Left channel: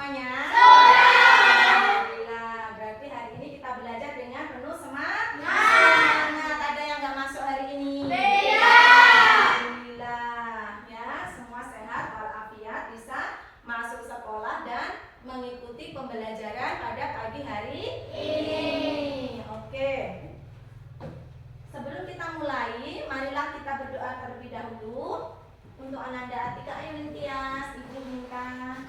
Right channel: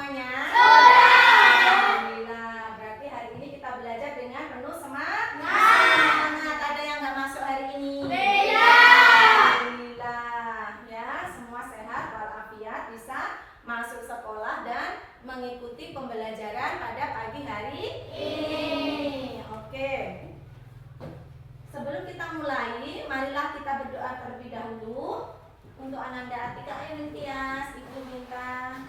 semuanya? Alhamdulillah. Berarti hari ini kita belajar dengan penuh semangat. Ada yang nggak masuk hari ini? Alhamdulillah. Ya, semua sehat walafiat, bisa masuk sekolah dan mengikuti pembelajaran pada pagi hari ini. Oke. Sebelum kita mulai, marilah kita berdoa terlebih dahulu. Untuk Ananda Atika Ayunintias, Ibu minta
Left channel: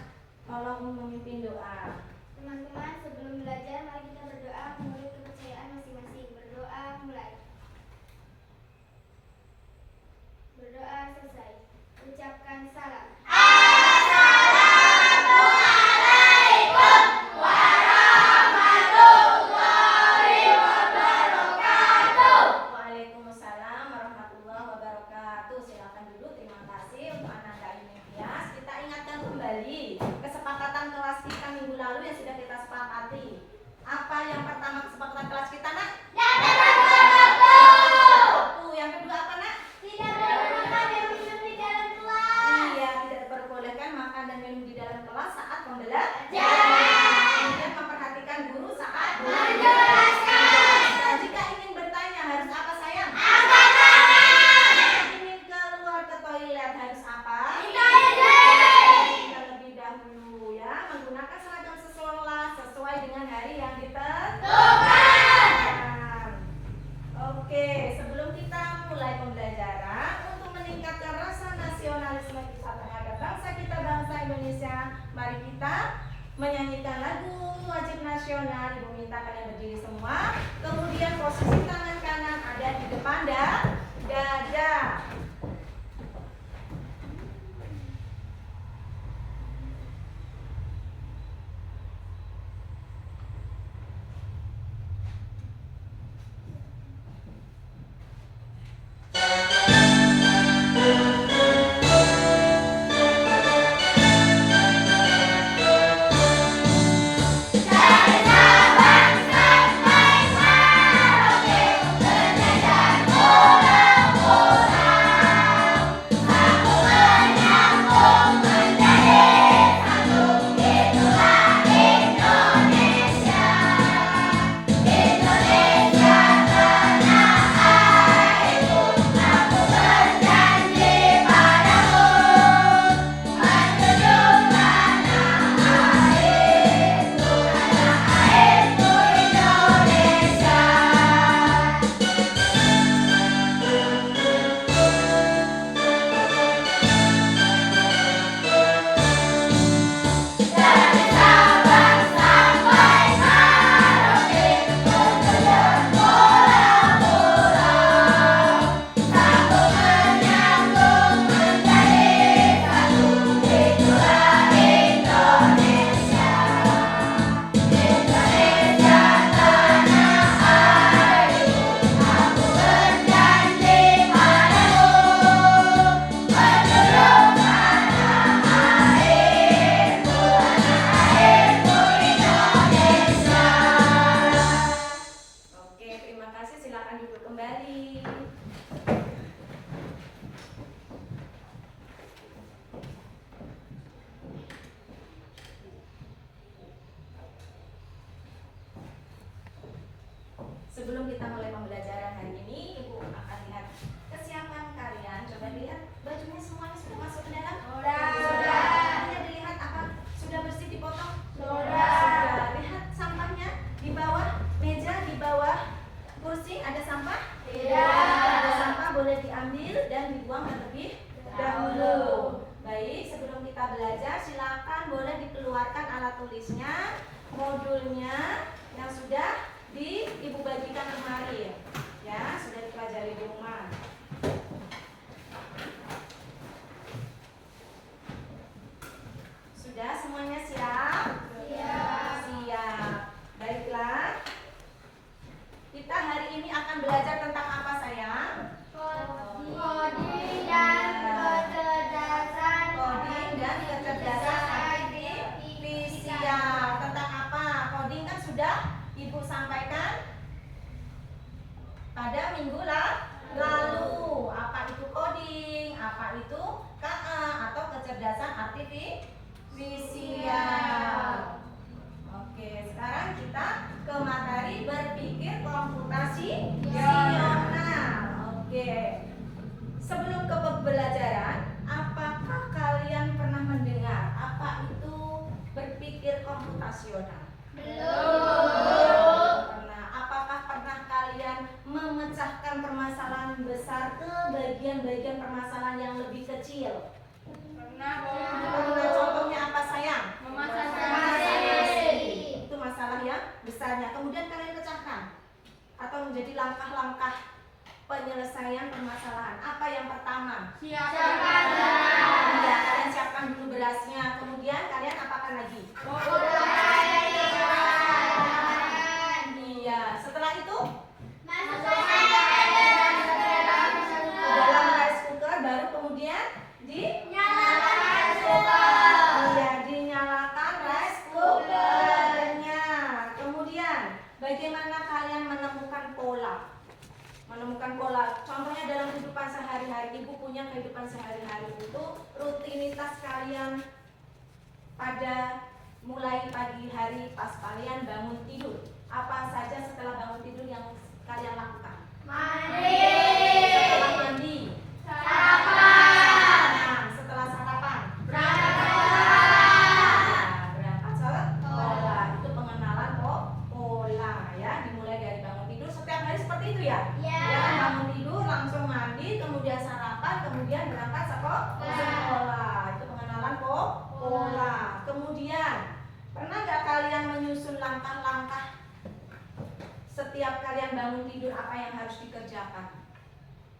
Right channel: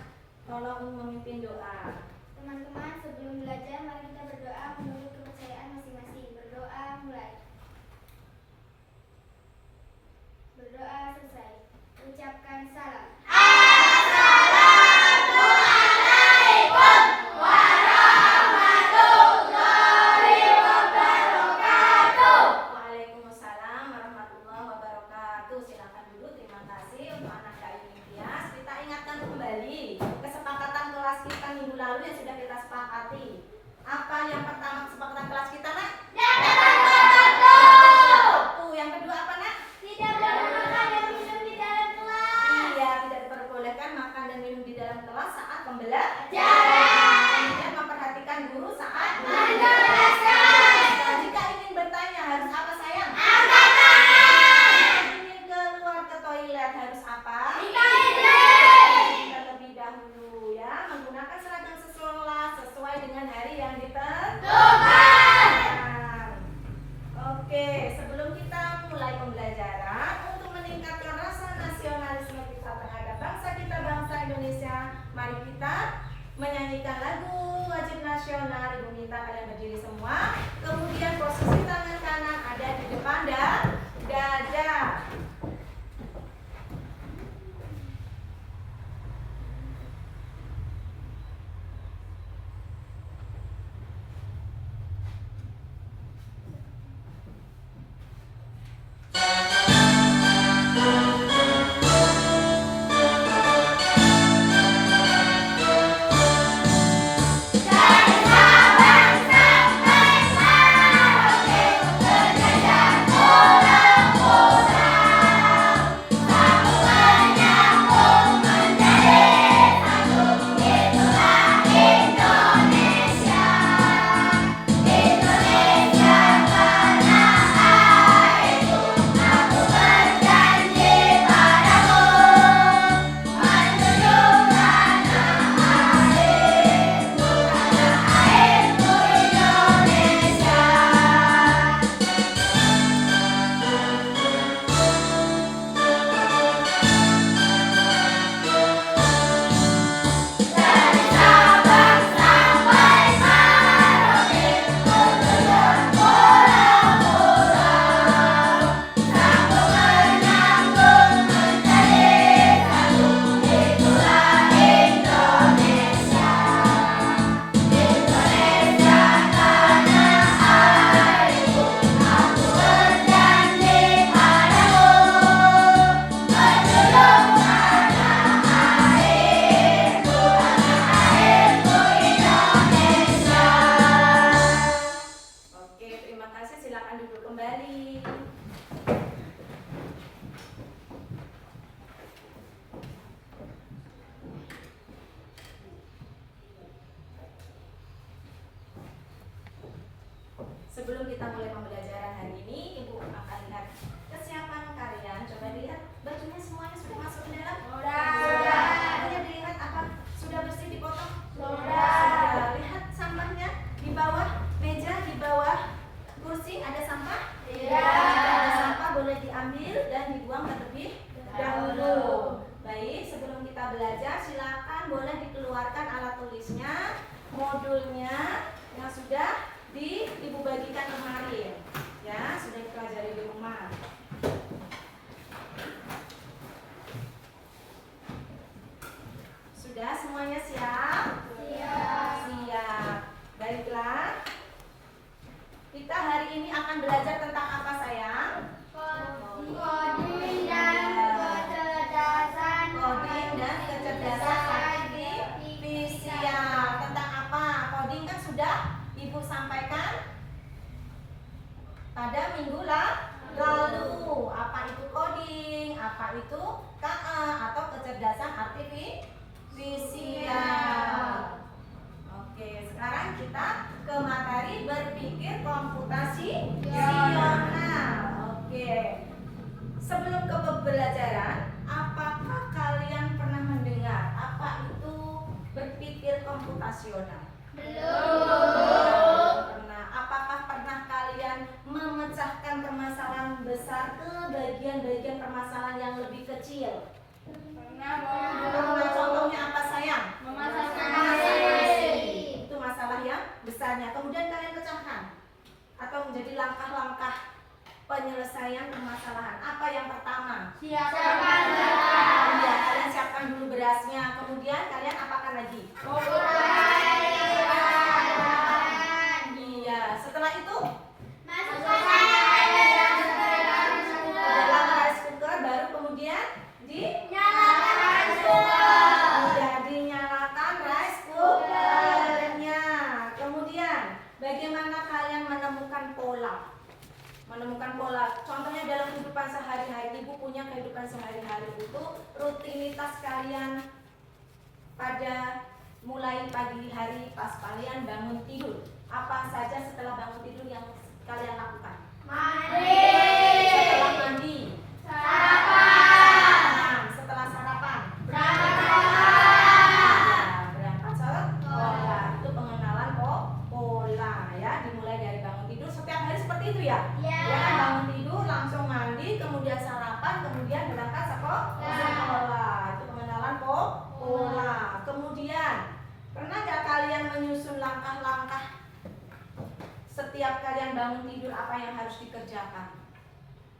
tolong memimpin doa. Teman-teman, sebelum belajar, mari kita berdoa menurut kepercayaan masing-masing. Berdoa mulai. Berdoa selesai. Ucapkan salam. Kesepakatan kelas kita minggu lalu yang sudah kita sepakati. Apa yang pertama kesepakatan kelas kita, Nak? Yang kedua apa, Nak? Tidak boleh makan dan minum di dalam kelas. Iya, tidak diperbolehkan makan dan minum di dalam kelas saat pembelajaran. Kemudian memperhatikan guru saat menjelaskan. Dan jika ingin bertanya harus apa, sayang? Angkat tangan. Ingin keluar ke toilet harus apa? Terlebih dahulu ya, menggunakan seragam sesuai dengan hari yang ditentukan. Oke, sebelum kita mulai pembelajaran, untuk meningkatkan rasa nasionalisme kita terhadap bangsa kita, bangsa Indonesia, mari kita menyanyikan lagu wajib nasional. Ibu minta kalian berdiri semua. Kemudian posisi tangan kanan ada di depan dada. Sebelum kita mulai pembelajaran hari ini, Ibu akan lihat kesiapan kalian. Coba dilihat bajunya semuanya sudah masuk ke dalam? Sudah. Kemudian dilihat apa? Sudah bersih dipotong? Sudah. Lihat sampahnya di bawah meja, di bawah kursi ada sampah? Jika ada sampah boleh diambil dan dibuang terlebih dahulu. Baik, sebelum kita belajar silakan boleh dikeluarkan alat tulisnya, modulnya yang sudah Ibu bagikan kemarin, ya sudah dipelajari di rumah. Sudah semuanya siap? Siap. Baiklah. Kita hari ini akan belajar tentang apa, sayang? Coding dan kecerdasan. Coding dan kecerdasan artifisial. Tentang apa? Coding kan sudah Ibu sampaikan pada minggu lalu. Apa itu coding? Apa itu KA atau kecerdasan artifisial? komputasional? Belum. Pernah. Apakah pernah kalian memecahkan permasalahan besar ke bagian-bagian permasalahan yang lebih kecil? Pernah. Contohnya apa sayang? Memasang nasi. Itu masalah yang besarnya. Kemudian kalian pecahkan atau menjadi langkah-langkah penyelesaian permasalahan. Apa yang pertama? Siapkan. Iya, kalian siapkan dulu berasnya. Kemudian kalian apakan lagi? Iya, setelah itu ke dalam rice cooker, baru kemudian iya, dinyalakan rice cookernya. Kemudian bagaimana kalian menemukan pola? Contohnya dalam kehidupan sehari-hari, ibu punya kehidupan sehari-hari itu rutinitas kalian pada mulai pagi hari pas kalian bangun tidur. Apa saja setelah bangun tidur yang kalian lakukan? Setelah mandi, setelah sarapan, berangkat sekolah. Itu pengenalan pola ya, dimulai dari bangun tidur. Setiap hari seperti itu ya. Ya kan, bangun tidur langsung mandi, kemudian sarapan, kemudian berangkat sekolah. Itu pengenalan pola. Kemudian pernah gak kalian menyusun langkah-langkah setiap kalian bangun tidur apa yang harus dikerjakan?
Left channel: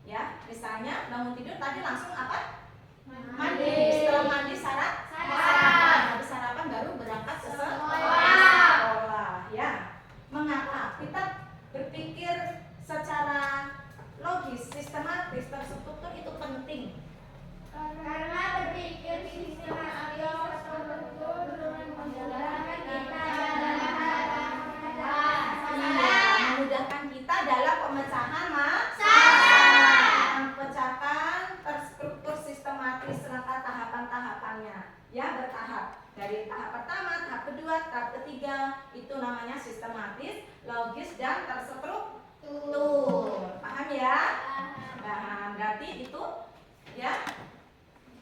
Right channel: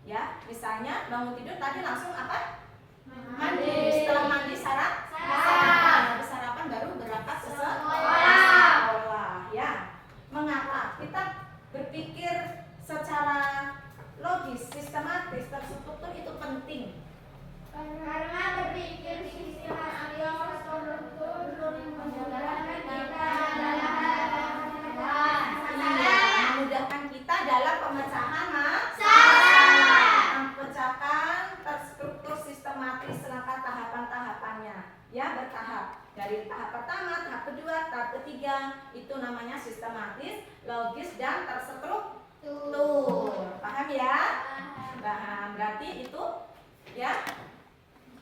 Ya, misalnya bangun tidur tadi langsung apa? Mandi. Setelah mandi sarapan. Habis sarapan baru berangkat sekolah. Ya. Mengapa? Kita berpikir secara logis, sistematis, terstruktur itu penting. Karena berpikir sistematis memudahkan kita dalam pemecahan masalah. Memecahkan terstruktur sistematis langkah tahapan-tahapannya. Ya, bertahap. Dari tahap pertama, tahap kedua, tahap ketiga, itu namanya sistematis, logis, dan terstruktur. Paham ya? Paham. Berarti itu ya.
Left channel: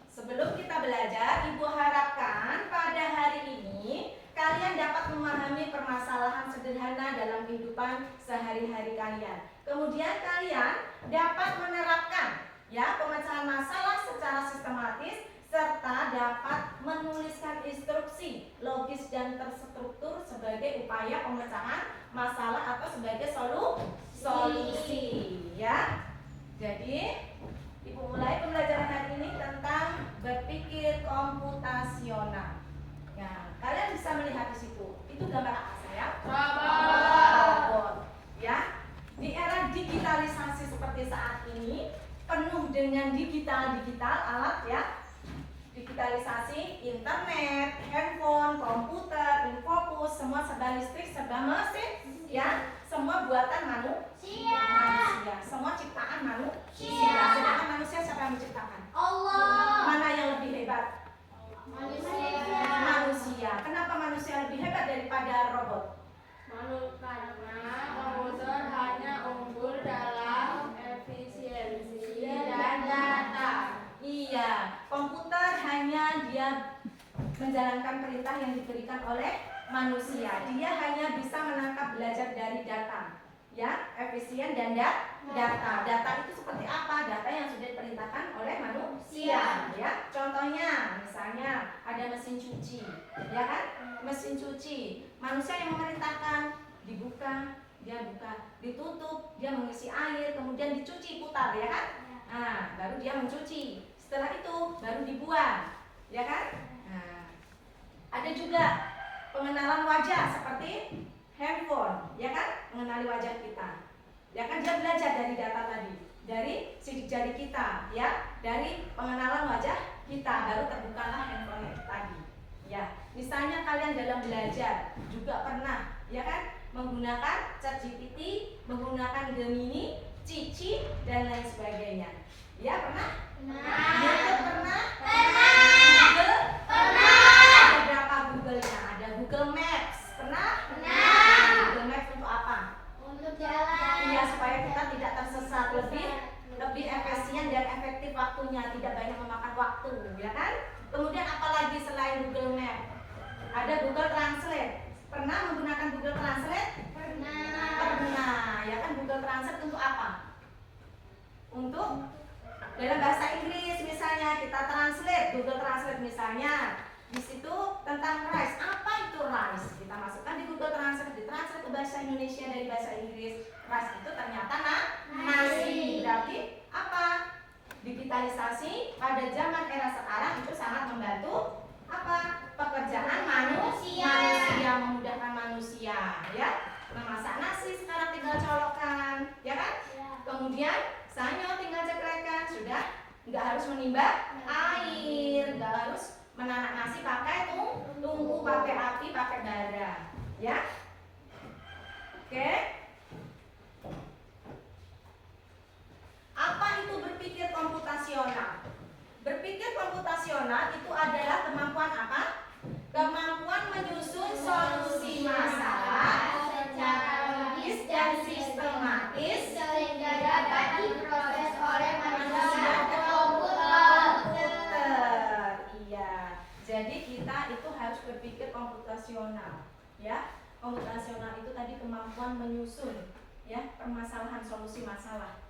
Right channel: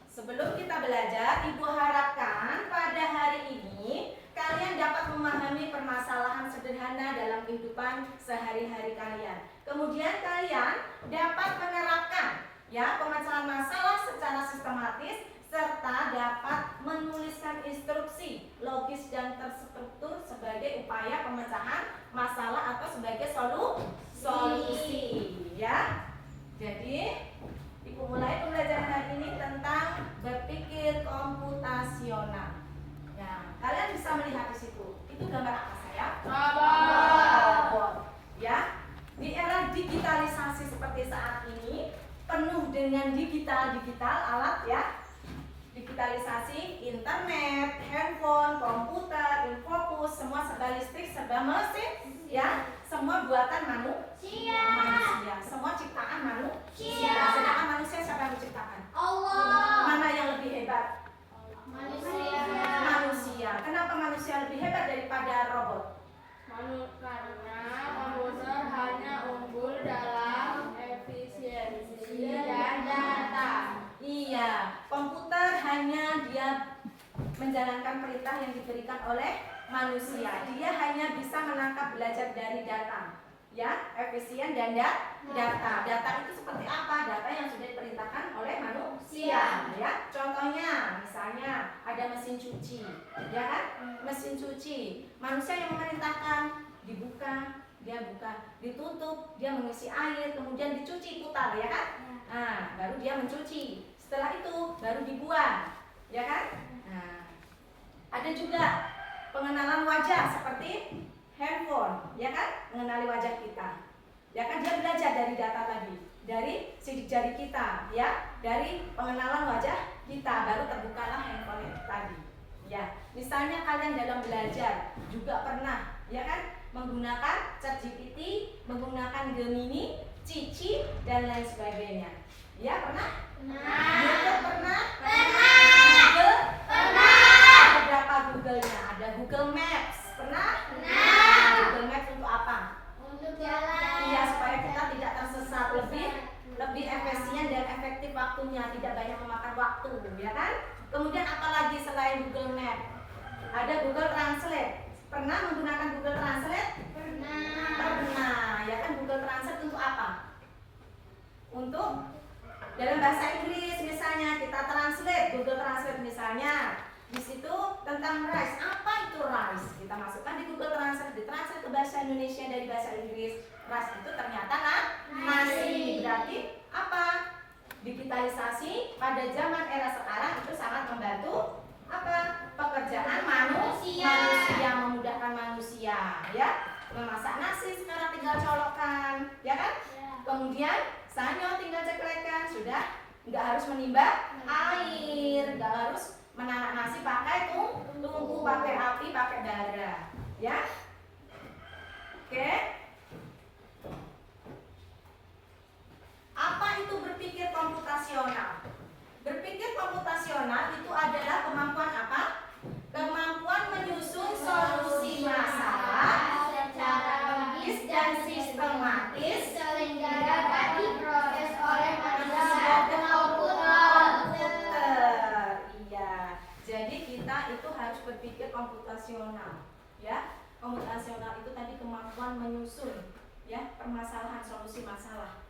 Sebelum kita belajar, ibu harapkan pada hari ini kalian dapat memahami permasalahan sederhana dalam kehidupan sehari-hari kalian. Kemudian kalian dapat menerapkan ya pemecahan masalah secara sistematis serta dapat menuliskan instruksi logis dan terstruktur sebagai upaya pemecahan masalah atau sebagai solusi ya. Jadi ibu mulai pembelajaran hari ini tentang berpikir komputasional. Ya, kalian bisa melihat di situ. Itu gambar apa sayang? Robot. Ya. Di era digitalisasi seperti saat ini, penuh dengan digital alat ya. Digitalisasi internet, handphone, komputer, infokus, semua serba listrik, serba mesin, ya. Semua buatan manusia. Semua ciptaan manusia. Sedangkan manusia siapa yang menciptakan? Allah. Mana yang lebih hebat? Manusia. Kenapa manusia lebih hebat daripada robot? Karena komputer hanya unggul dalam efisiensi dan data. Iya, komputer hanya dia menjalankan perintah yang diberikan oleh manusia. Dia hanya bisa menangkap belajar dari data. Ya, efisien dan data. Data itu seperti apa? Data yang sudah diperintahkan oleh manusia. Ya, contohnya, misalnya ada mesin cuci, ya kan? Mesin cuci, manusia yang memerintahkan dibuka, dia buka, ditutup, dia mengisi air, kemudian dicuci putar, ya kan? Nah, baru dia mencuci. Setelah itu baru dibuang, ya kan? Nah, ada juga pengenalan wajah seperti handphone, ya kan? Mengenali wajah kita. Ya kan, dia belajar dari data tadi, dari sidik jari kita, ya, dari pengenalan wajah kita, baru terbukalah handphone itu tadi. Ya, misalnya kalian dalam belajar juga pernah, ya kan, menggunakan ChatGPT, menggunakan Gemini, Cici, dan lain sebagainya. Ya, pernah? YouTube pernah? Google? Ada berapa Google-nya? Ada Google Maps, pernah? Google Maps untuk apa? Untuk jalan. Iya, supaya kita tidak tersesat, lebih efisien dan efektif waktunya, tidak banyak memakan waktu, ya kan? Kemudian apalagi selain Google Map? Ada Google Translate. Pernah menggunakan Google Translate? Pernah. Ya kan, Google Translate untuk apa? Untuk dalam bahasa Inggris misalnya kita translate, Google Translate misalnya. Di situ tentang rice. Apa itu rice? Kita masukkan di Google Translate, ditranslate ke bahasa Indonesia dari bahasa Inggris. Rice itu ternyata nasi. Berarti apa? Digitalisasi pada zaman era sekarang itu sangat membantu apa? Pekerjaan manusia, memudahkan manusia, ya. Memasak nasi sekarang tinggal colokkan, ya kan? Kemudian sanyo tinggal ceklekkan, sudah nggak harus menimba air, nggak harus menanak nasi pakai tungku, pakai api, pakai bara, ya. Oke. Apa itu berpikir komputasional? Berpikir komputasional itu adalah kemampuan apa? Kemampuan menyusun solusi masalah secara logis dan sistematis sehingga dapat diproses oleh manusia dan komputer. Iya. Jadi kita itu harus berpikir komputasional, ya. Komputasional itu tadi kemampuan menyusun, ya, permasalahan, solusi masalah.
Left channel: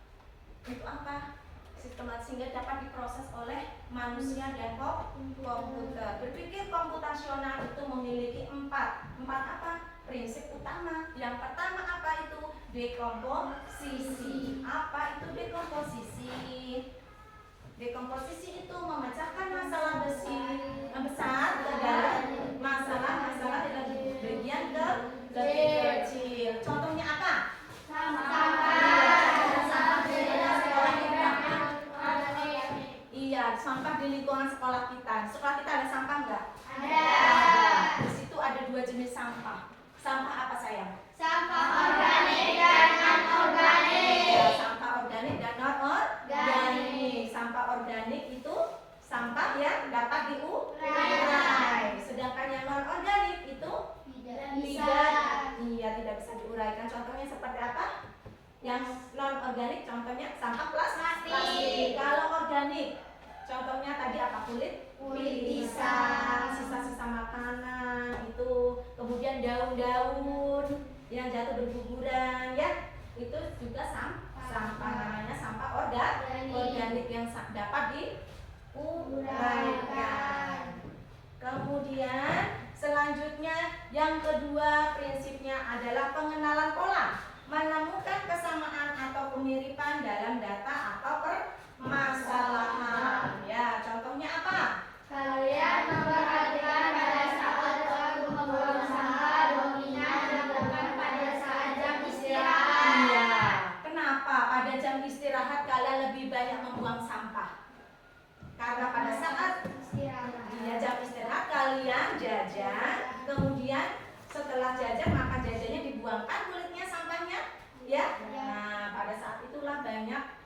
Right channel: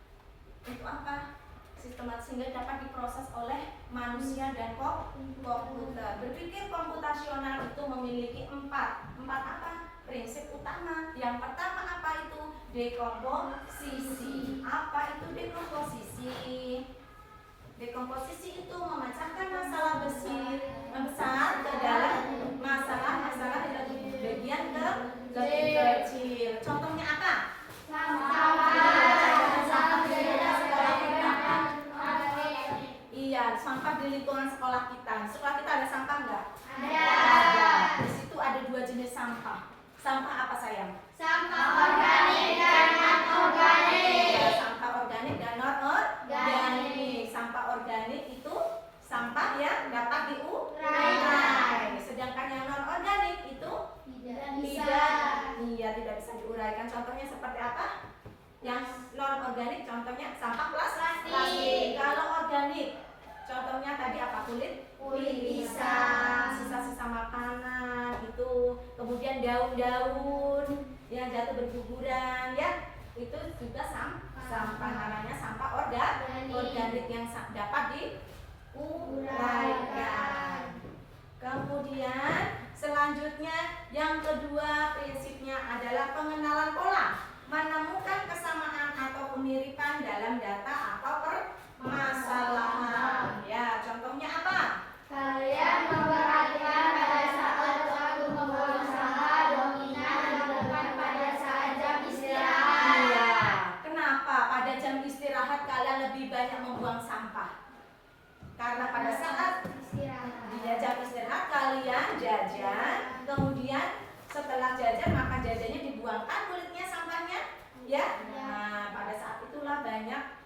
Itu apa? Sistematis sehingga dapat diproses oleh manusia dan komputer. Berpikir komputasional itu memiliki empat apa? Prinsip utama. Yang pertama apa itu? Dekomposisi. Apa itu dekomposisi? Dekomposisi itu memecahkan masalah besar ke dalam masalah-masalah di bagian ke lebih kecil. Contohnya apa? Iya, sampah di lingkungan sekolah kita. Sekolah kita ada sampah nggak? Ada. Di situ ada dua jenis sampah. Sampah apa sayang? Sampah organik dan non-organik. Ya, sampah organik dan non-organik. Sampah organik itu sampah yang dapat diurai. Sedangkan yang non-organik itu tidak bisa diuraikan. Contohnya seperti apa? Yang non-organik contohnya sampah plastik. Kalau organik contohnya tadi apa? Kulit pisang, sisa-sisa makanan itu, kemudian daun-daun yang jatuh berguguran, ya, itu juga sampah namanya sampah organik yang dapat diuraikan. Kemudian selanjutnya yang kedua prinsipnya adalah pengenalan pola, menemukan kesamaan atau kemiripan dalam data atau permasalahan. Ya, contohnya apa? Kalian memperhatikan pada saat waktu membuang sampah dominan dilakukan pada saat jam istirahat. Iya. Kenapa pada jam istirahat kalian lebih banyak membuang sampah? Karena pada saat jam istirahat kalian jajan, kemudian setelah jajan maka jajannya dibuangkan kulitnya, sampahnya, ya. Nah, pada saat itulah banyak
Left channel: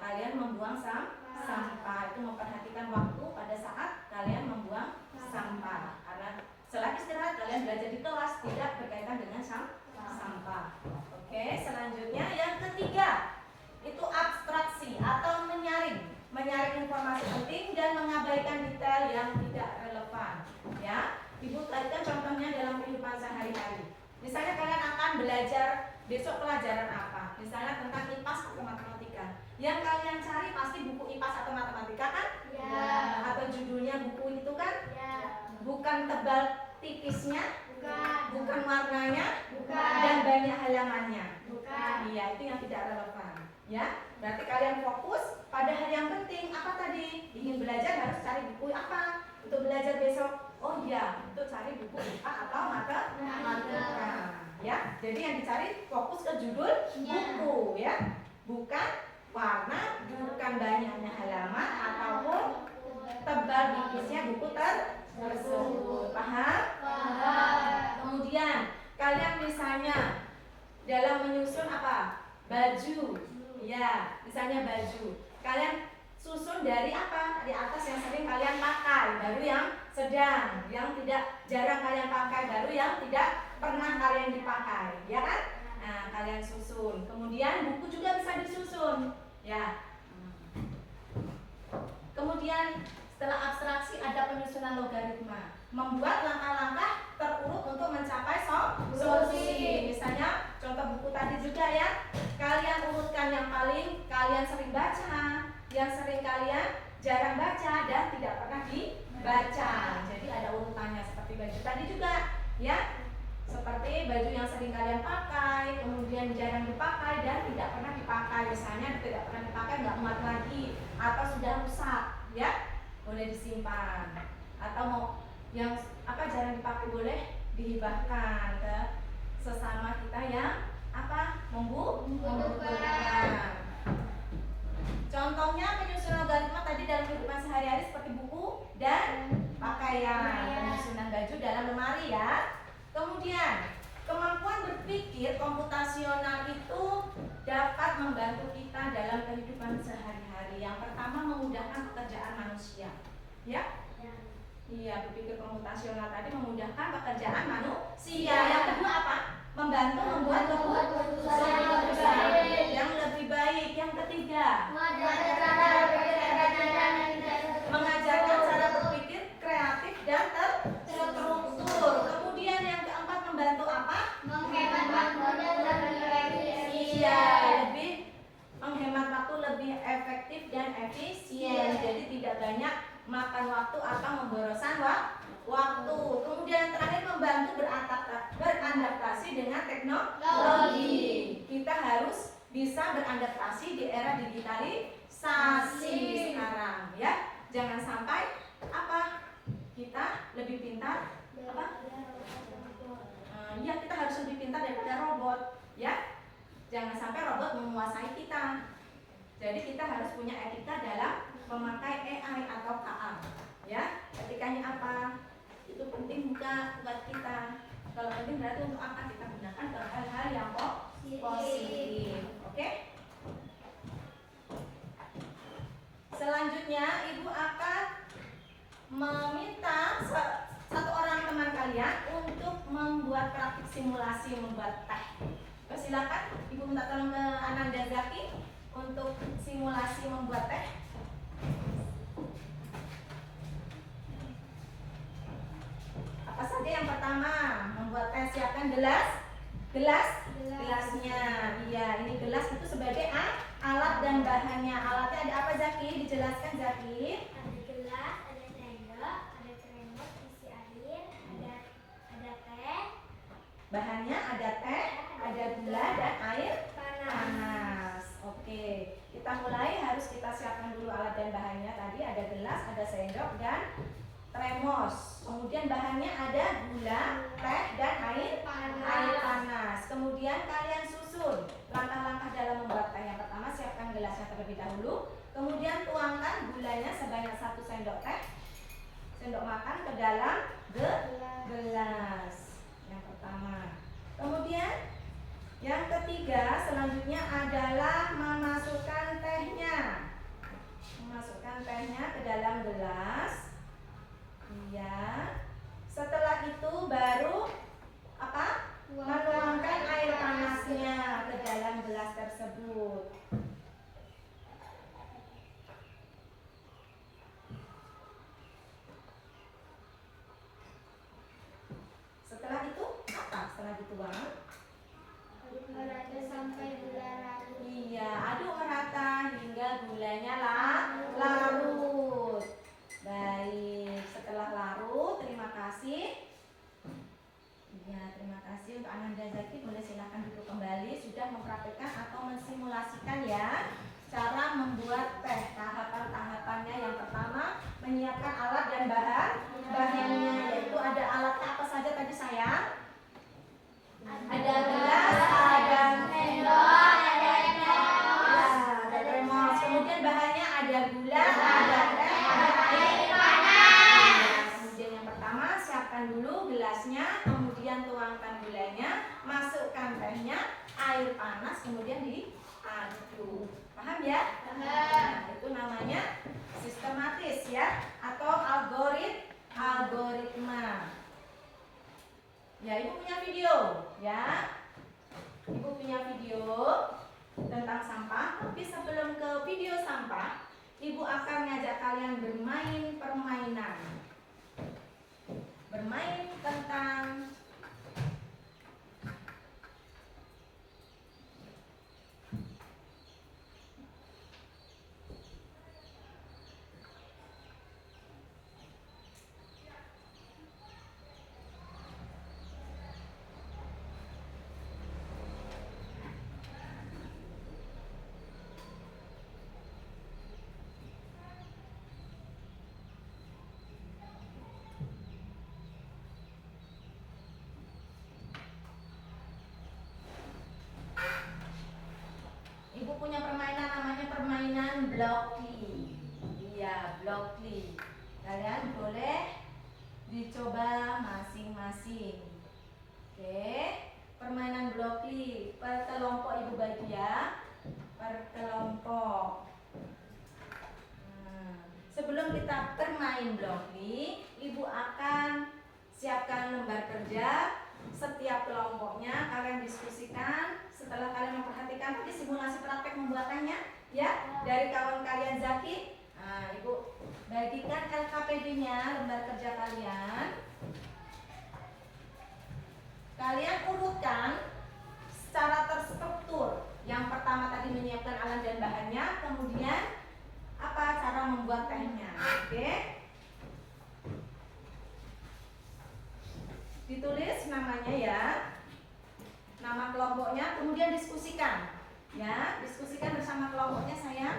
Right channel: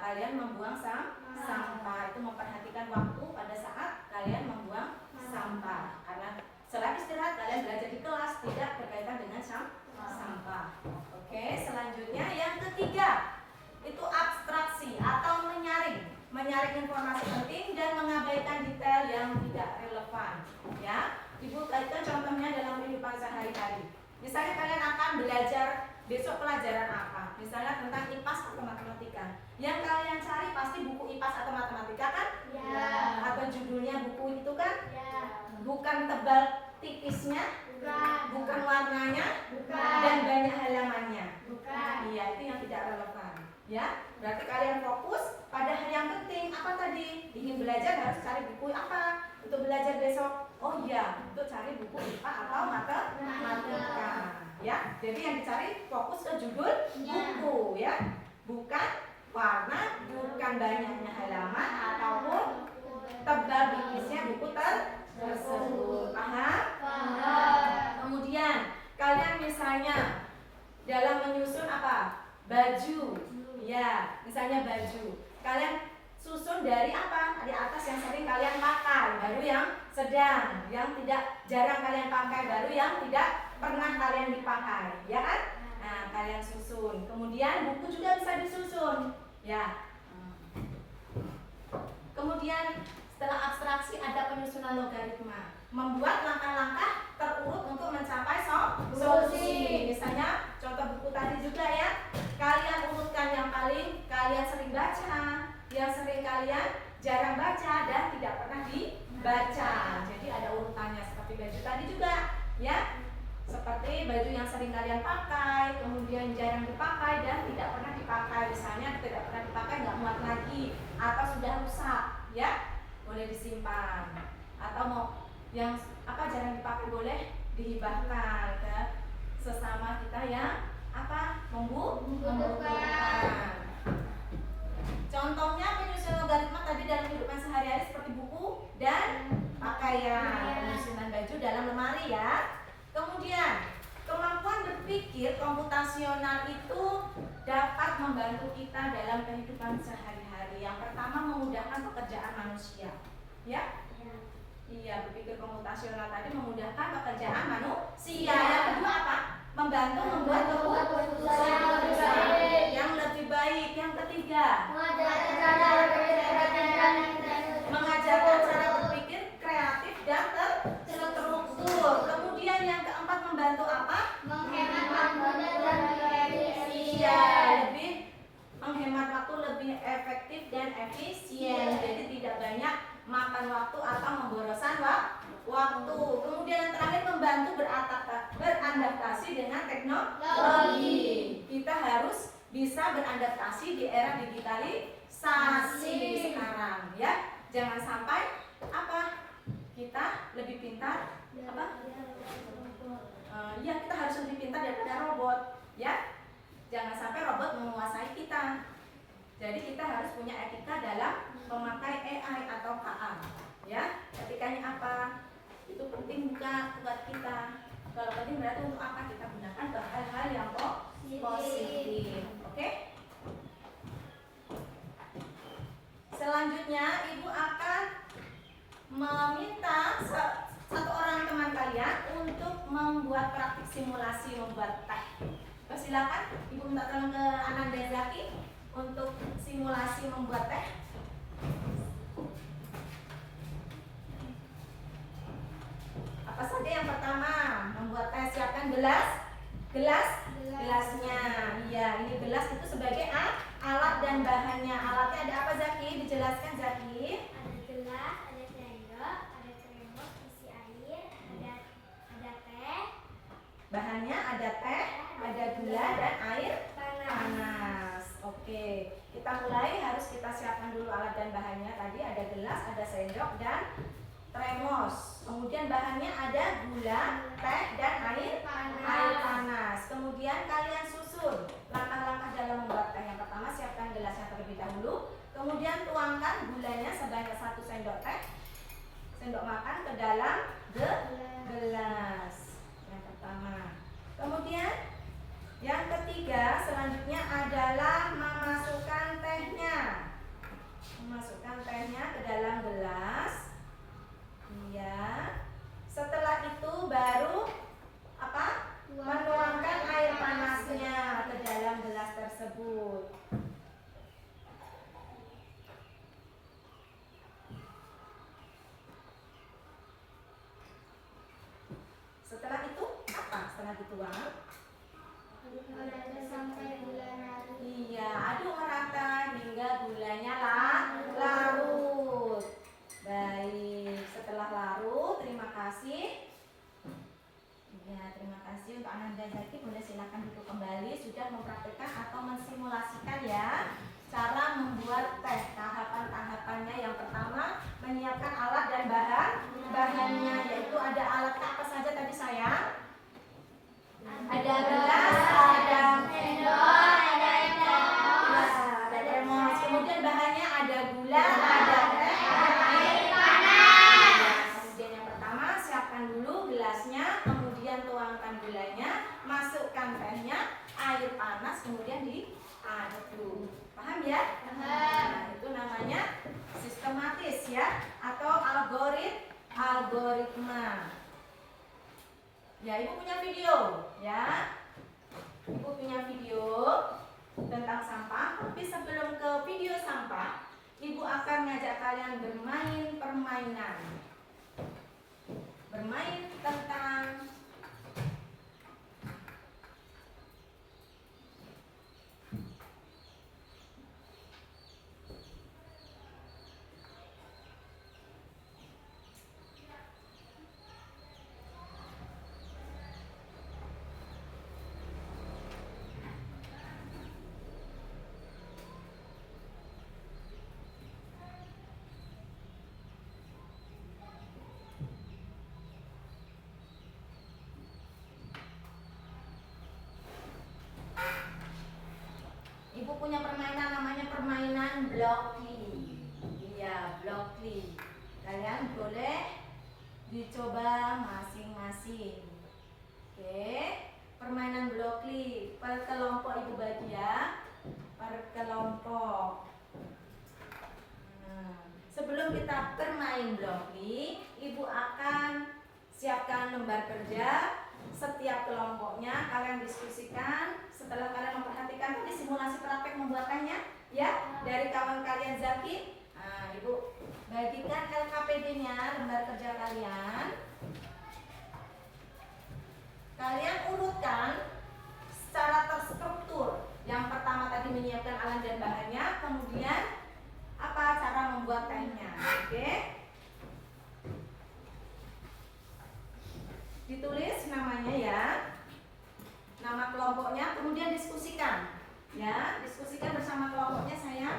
kalian membuang sampah. Itu memperhatikan waktu pada saat kalian membuang sampah. Karena setelah istirahat kalian belajar di kelas tidak berkaitan dengan sampah. Oke, selanjutnya yang ketiga itu abstraksi atau menyaring informasi penting dan mengabaikan detail yang tidak relevan, ya. Ibu tadikan contohnya dalam kehidupan sehari-hari. Misalnya kalian akan belajar besok pelajaran apa? Misalnya tentang IPAS atau matematika. Yang kalian cari pasti buku IPAS atau matematika kan? Ya. Atau judulnya buku itu kan? Ya. Bukan tebal tipisnya, bukan warnanya, dan banyak halamannya. Iya, itu yang tidak relevan, ya. Berarti kalian fokus pada hal yang penting. Apa tadi? Ingin belajar harus cari buku apa? Untuk belajar besok. Oh iya, untuk cari buku IPA atau matematika, ya. Jadi yang dicari fokus ke judul buku, ya. Bukan warna, bukan banyaknya halaman ataupun tebal tipisnya buku tersebut. Paham? Kemudian kalian misalnya dalam menyusun apa? Baju. Ya, misalnya baju. Kalian susun dari apa? Di atas yang sering kalian pakai, baru yang sedang, yang tidak jarang kalian pakai, baru yang tidak pernah kalian dipakai, ya kan? Nah, kalian susun. Kemudian buku juga bisa disusun, ya. Kemudian setelah abstraksi ada penyusunan logaritma, membuat langkah-langkah terurut baju tadi juga, ya. Seperti baju yang sering kalian pakai, kemudian jarang dipakai dan tidak pernah dipakai. Misalnya tidak pernah dipakai, nggak muat lagi, atau sudah rusak, ya, boleh disimpan. Atau mau yang jarang dipakai boleh dihibahkan ke sesama kita yang membutuhkan. Contohnya penyusunan logaritma tadi dalam kehidupan sehari-hari seperti buku dan pakaian, penyusunan baju dalam lemari, ya. Kemudian kemampuan berpikir komputasional itu dapat membantu kita dalam kehidupan sehari-hari. Yang pertama, memudahkan pekerjaan manusia, ya. Iya, berpikir komputasional tadi memudahkan pekerjaan manusia. Yang kedua apa? Membantu membuat keputusan yang lebih baik. Yang ketiga, mengajarkan cara berpikir kreatif dan terstruktur. Kemudian yang keempat, membantu apa? Menghemat waktu dan Iya, lebih menghemat waktu, lebih efektif dan efisien. Jadi tidak banyak makan waktu atau memboroskan waktu. Kemudian yang terakhir, membantu beradaptasi dengan teknologi. Kita harus bisa beradaptasi di era digitalisasi sekarang, ya. Jangan sampai kita lebih pintar ya, kita harus lebih pintar daripada robot, ya. Jangan sampai robot menguasai kita. Jadi kita harus punya etika dalam memakai AI atau KA, ya. Etikanya apa? Itu penting juga buat kita. Kalau penting berarti untuk apa? Kita gunakan untuk hal-hal yang positif. Oke? Selanjutnya Ibu akan meminta satu orang teman kalian untuk membuat praktik simulasi membuat teh. Silakan Ibu minta tolong ke Ananda Zaki untuk simulasi membuat teh. Apa saja yang pertama? Membuat teh, siapkan gelasnya. Iya, ini gelas itu sebagai alat dan bahannya. Alatnya ada apa, Zaki? Dijelaskan, Zaki. Ada gelas, ada sendok, ada termos isi air, ada teh. Bahannya ada teh, ada gula dan air panas. Oke, kita mulai. Harus kita siapkan dulu alat dan bahannya. Tadi ada gelas, ada sendok dan termos. Kemudian bahannya ada gula, teh dan air panas. Kemudian kalian susun langkah-langkah dalam membuat teh. Yang pertama, siapkan gelasnya terlebih dahulu. Kemudian tuangkan gulanya sebanyak 1 sendok teh, sendok makan, ke dalam gelas. Yang pertama. Kemudian yang ketiga, selanjutnya adalah memasukkan tehnya. Memasukkan tehnya ke dalam gelas. Iya. Setelah itu baru menuangkan air panasnya ke dalam gelas tersebut. Setelah itu apa? Setelah dituang, Aduk merata sampai gula larut. iya, aduk merata hingga gulanya larut. Baik, setelah larut, terima kasih. Ya, terima kasih untuk Ananda Zaki. Boleh silakan duduk kembali. Sudah mempraktikkan atau mensimulasikan, ya, cara membuat teh. Tahapan-tahapannya, yang pertama, menyiapkan alat dan bahannya, yaitu ada alatnya apa saja tadi, sayang? Ada gelas, ada Sendok, ada ada termos. Kemudian bahannya ada gula, ada teh, ada air panas. Kemudian yang pertama, siapkan dulu gelasnya, kemudian tuangkan gulanya, masukkan tehnya, air panas, kemudian diaduk. Paham, ya? Nah, itu namanya sistematis, ya, atau algoritma. Ya, Ibu punya video, ya. Ibu punya video tentang sampah. Tapi sebelum ke video sampah, Ibu akan ngajak kalian bermain permainan. Bermain tentang Ibu punya permainan namanya permainan Blockly. Iya, Blockly. Kalian boleh dicoba masing-masing. Oke, permainan Blockly. Per kelompok Ibu bagi ya. Per kelompok. Sebelum kita bermain Blockly, Ibu akan siapkan lembar kerja. Setiap kelompoknya kalian diskusikan. Setelah kalian memperhatikan tadi simulasi praktek membuatannya, ya, dari kawan kalian Zaki. Nah, Ibu bagikan LKPD-nya, lembar kerja kalian. Kalian urutkan secara terstruktur. Yang pertama tadi menyiapkan alat dan bahannya, kemudian apa cara membuat tehnya. Oke? Ditulis namanya ya, nama kelompoknya, kemudian diskusikan. Ya, diskusikan bersama kelompoknya sayang.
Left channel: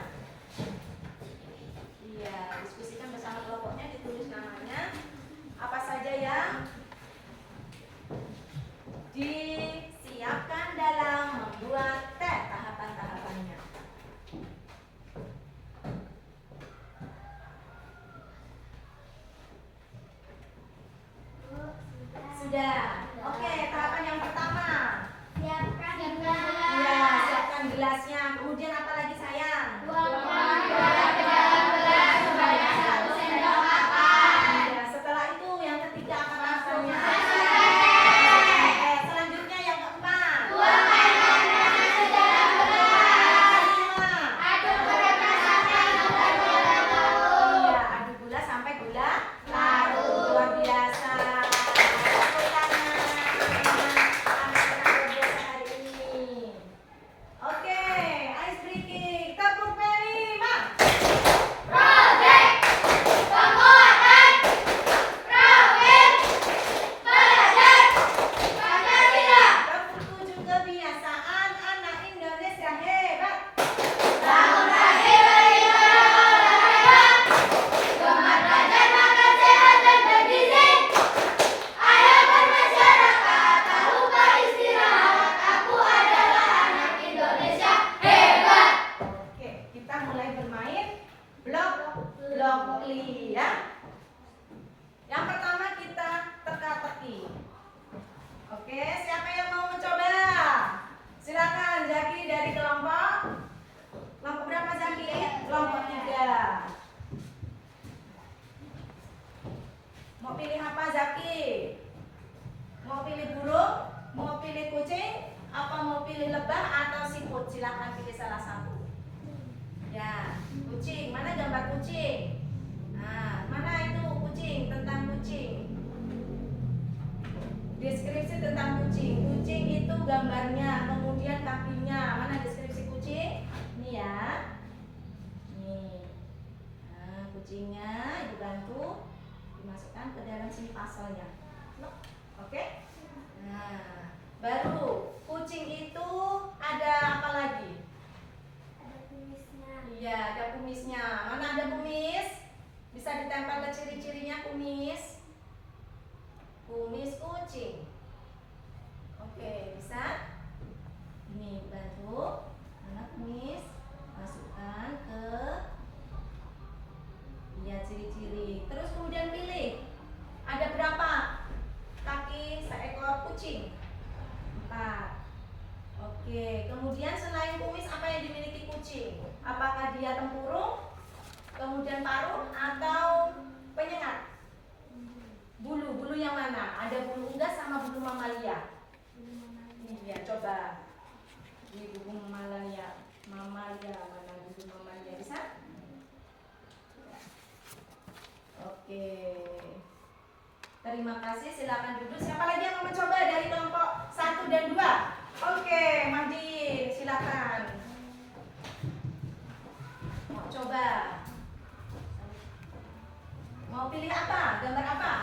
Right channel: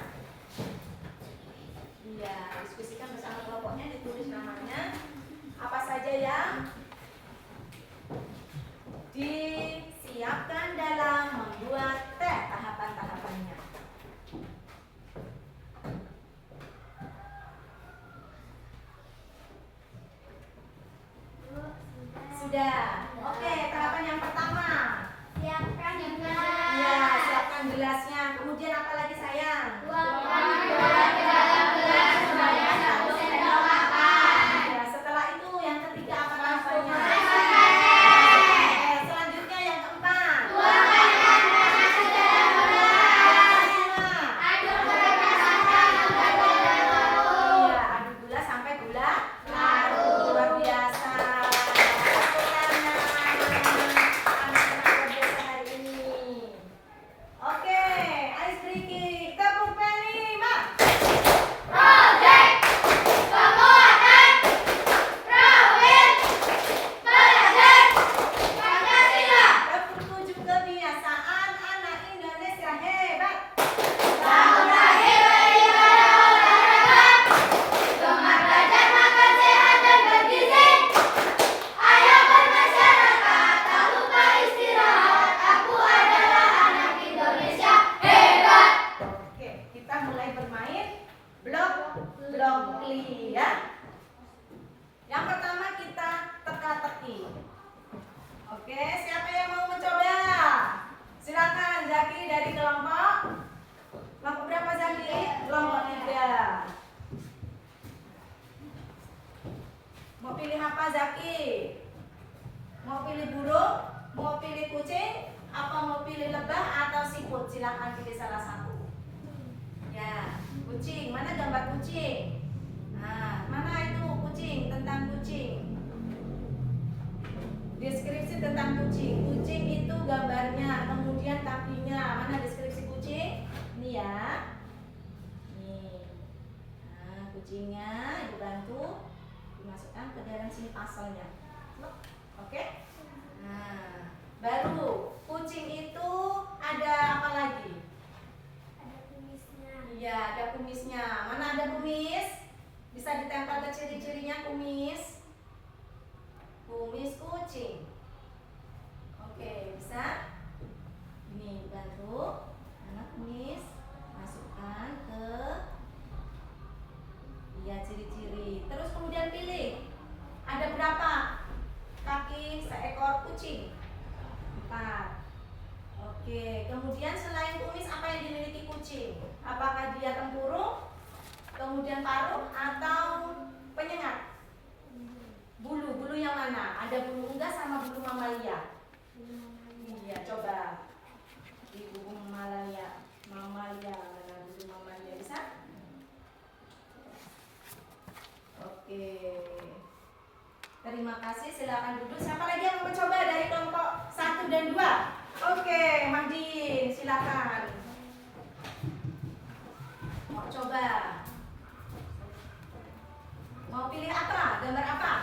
Iya, diskusikan bersama kelompoknya, ditulis namanya. Apa saja yang disiapkan dalam membuat teh, tahapan-tahapannya. Sudah. Oke, tahapan yang pertama. Siapkan gelas. Iya, siapkan gelasnya. Kemudian apa lagi sayang? Tuangkan gula ke dalam gelas sebanyak 1 sendok makan. Ya, setelah itu yang ketiga apa tahapannya? Selanjutnya yang keempat. Tuangkan ganasnya ke dalam gelas. Aduk gula sampai gula larut. Iya, aduk gula sampai gula larut. Luar biasa. Tepuk tangan. Anak-anak luar biasa hari ini. Oke, ice breaking. Tepuk kelima. Project penguatan profil belajar Pancasila. Tepuk tujuh kebiasaan anak Indonesia hebat. Bangun pagi beribadah olahraga, gemar belajar makan sehat dan bergizi. Ayo bermasyarakat, tak lupa istirahat. Aku adalah anak Indonesia hebat. Oke, kita mulai bermain Blockly ya. Yang pertama kita teka-teki. Oke, siapa yang mau mencoba? Silakan Zaki dari kelompok. Kelompok berapa Zaki? Kelompok 3. Mau pilih apa Zaki? Mau pilih burung? Mau pilih kucing? Apa mau pilih lebah atau siput? Silakan pilih salah satu. Ya, kucing. Mana gambar kucing? Nah, mana itu kucing? Tentang kucing. Deskripsi tentang kucing. Kucing itu gambarnya, kemudian kakinya. Mana deskripsi kucing? Ini ya. Nih. Nah, kucingnya Ibu bantu dimasukkan ke dalam sini pasalnya. Oke? Nah, baru kucing itu ada apa lagi? Ada kumisnya. Iya, ada kumisnya. Mana ada kumis? Bisa ditempel ke ciri-cirinya kumis. Kumis kucing. Oke, bisa? Ini bantu anak kumis masukkan ke ciri-ciri. Terus kemudian pilih. Ada berapa kaki seekor kucing? 4. Oke, kemudian selain kumis apa yang dimiliki kucing? Apakah dia tempurung, kemudian paruh atau penyengat? Bulu yang mana? Ada bulu unggas sama bulu mamalia. Iya, coba di bulu mamalia. Mana bulu mamalia bisa? Oke. Terima kasih, silakan duduk. Siapa lagi yang mau mencoba dari kelompok 1 dan 2? Oke, Mahdi, silakan. Mau coba? Mau pilih apa? Gambar apa?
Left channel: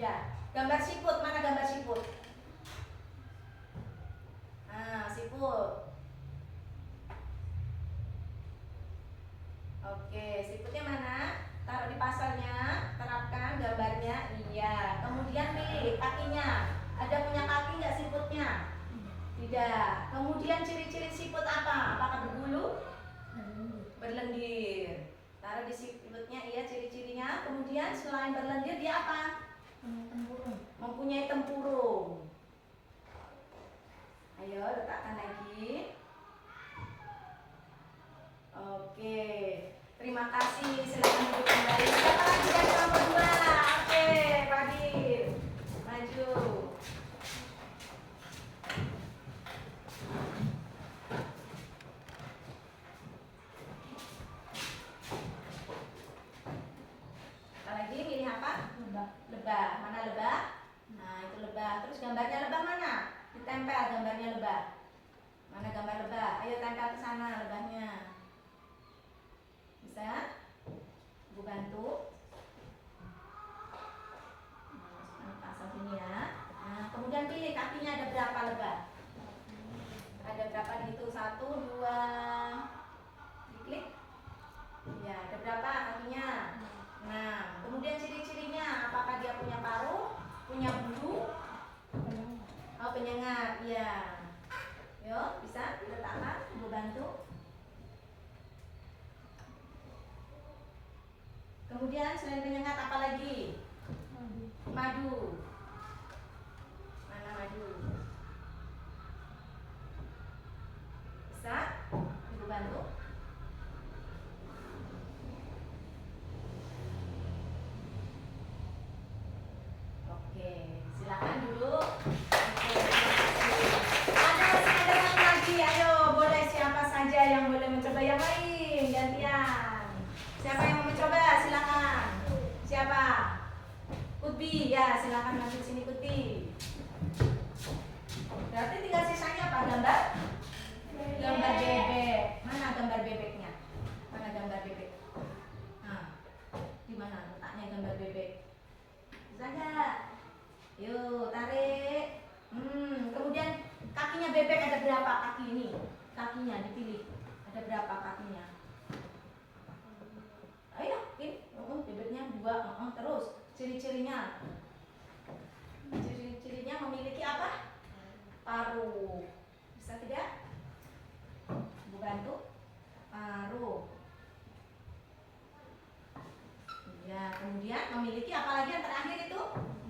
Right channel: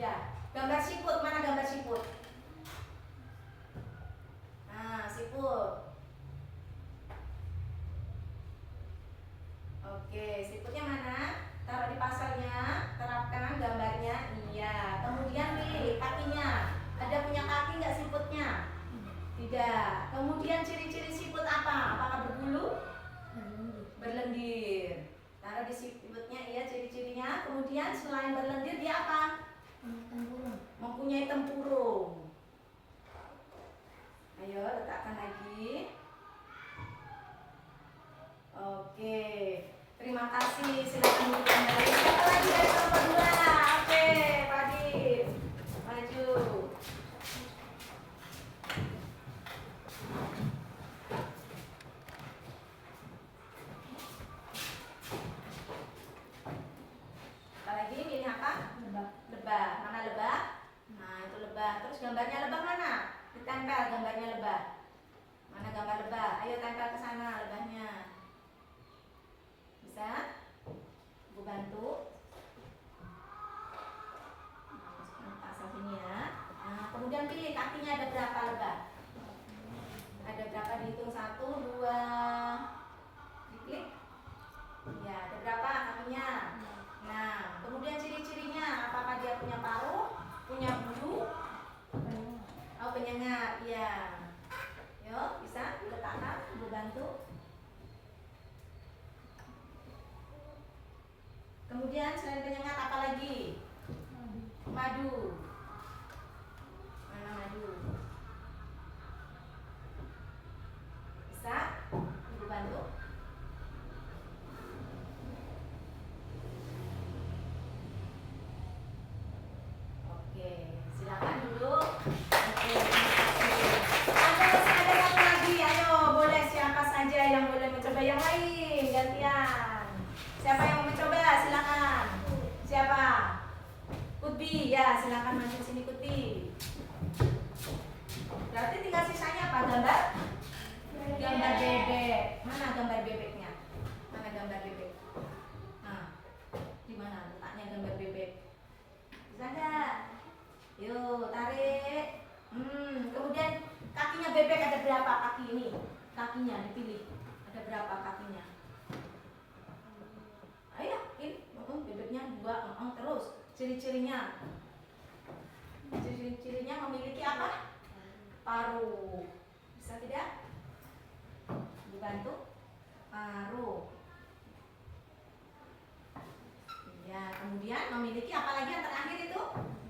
Ya, gambar siput. Mana gambar siput? Nah, siput. Oke, siputnya mana? Taruh di pasalnya, terapkan gambarnya. Iya, kemudian pilih kakinya. Ada punya kaki nggak siputnya? Tidak 3. Kemudian ciri-ciri siput apa? Apakah berbulu? Berlendir. Taruh di siputnya iya ciri-cirinya. Kemudian selain berlendir dia apa? Mempunyai tempurung. Ayo letakkan lagi. Oke. Terima kasih. Silakan duduk kembali. Siapa lagi dari kelompok 2? Oke, Fadil. Maju. Lagi pilih apa? Lebah. Mana lebah? Nah, itu lebah. Terus gambarnya lebah mana? Ditempel gambarnya lebah. Mana gambar lebah? Ayo tempel ke sana lebahnya. Bisa? Ibu bantu. Nah, pasang sini ya. Nah, kemudian pilih kakinya ada berapa lebah? Ada berapa? Dihitung 1, 2. Diklik. Ya, ada berapa kakinya? Nah, kemudian ciri-cirinya, apakah dia punya paruh, punya bulu? Oh, penyengat, ya. Yuk, bisa diletakkan, Ibu bantu. Kemudian selain penyengat apa lagi? Madu. Mana madu? Bisa? Ibu bantu. Silakan duduk. Oke, ada masih ada satu lagi. Ayo, boleh siapa saja yang boleh mencoba yang lain gantian. Siapa yang mau mencoba? Silakan. Siapa? Kutbi, ya silakan maju sini Kutbi. Berarti tinggal sisanya apa? Gambar? Gambar bebek. Mana gambar bebeknya? Mana gambar bebek? Nah, di mana letaknya gambar bebek? Bisa nggak? Yuk, tarik. Kemudian kakinya bebek ada berapa kaki ini? Kakinya dipilih. Ada berapa kakinya? Ayo, ini bebeknya 2. Terus ciri-cirinya. Ciri-cirinya memiliki apa? Paruh. Bisa tidak? Ibu bantu. Paruh. Ya, kemudian memiliki apa lagi yang terakhir itu?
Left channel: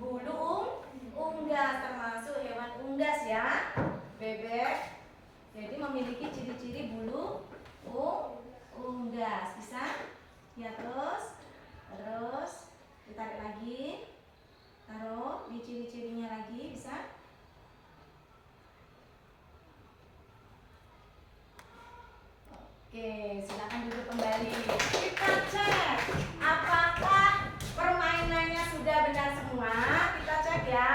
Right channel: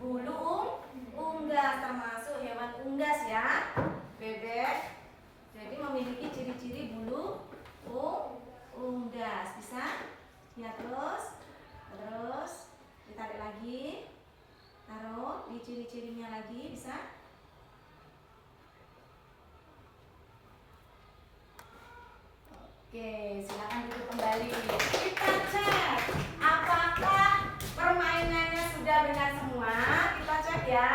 Bulu unggas, termasuk hewan unggas ya, bebek. Jadi memiliki ciri-ciri bulu unggas. Bisa? Ya, terus ditarik lagi, taruh di ciri-cirinya lagi. Bisa? Oke, silakan duduk kembali. Kita cek apakah permainannya sudah benar semua. Kita cek ya.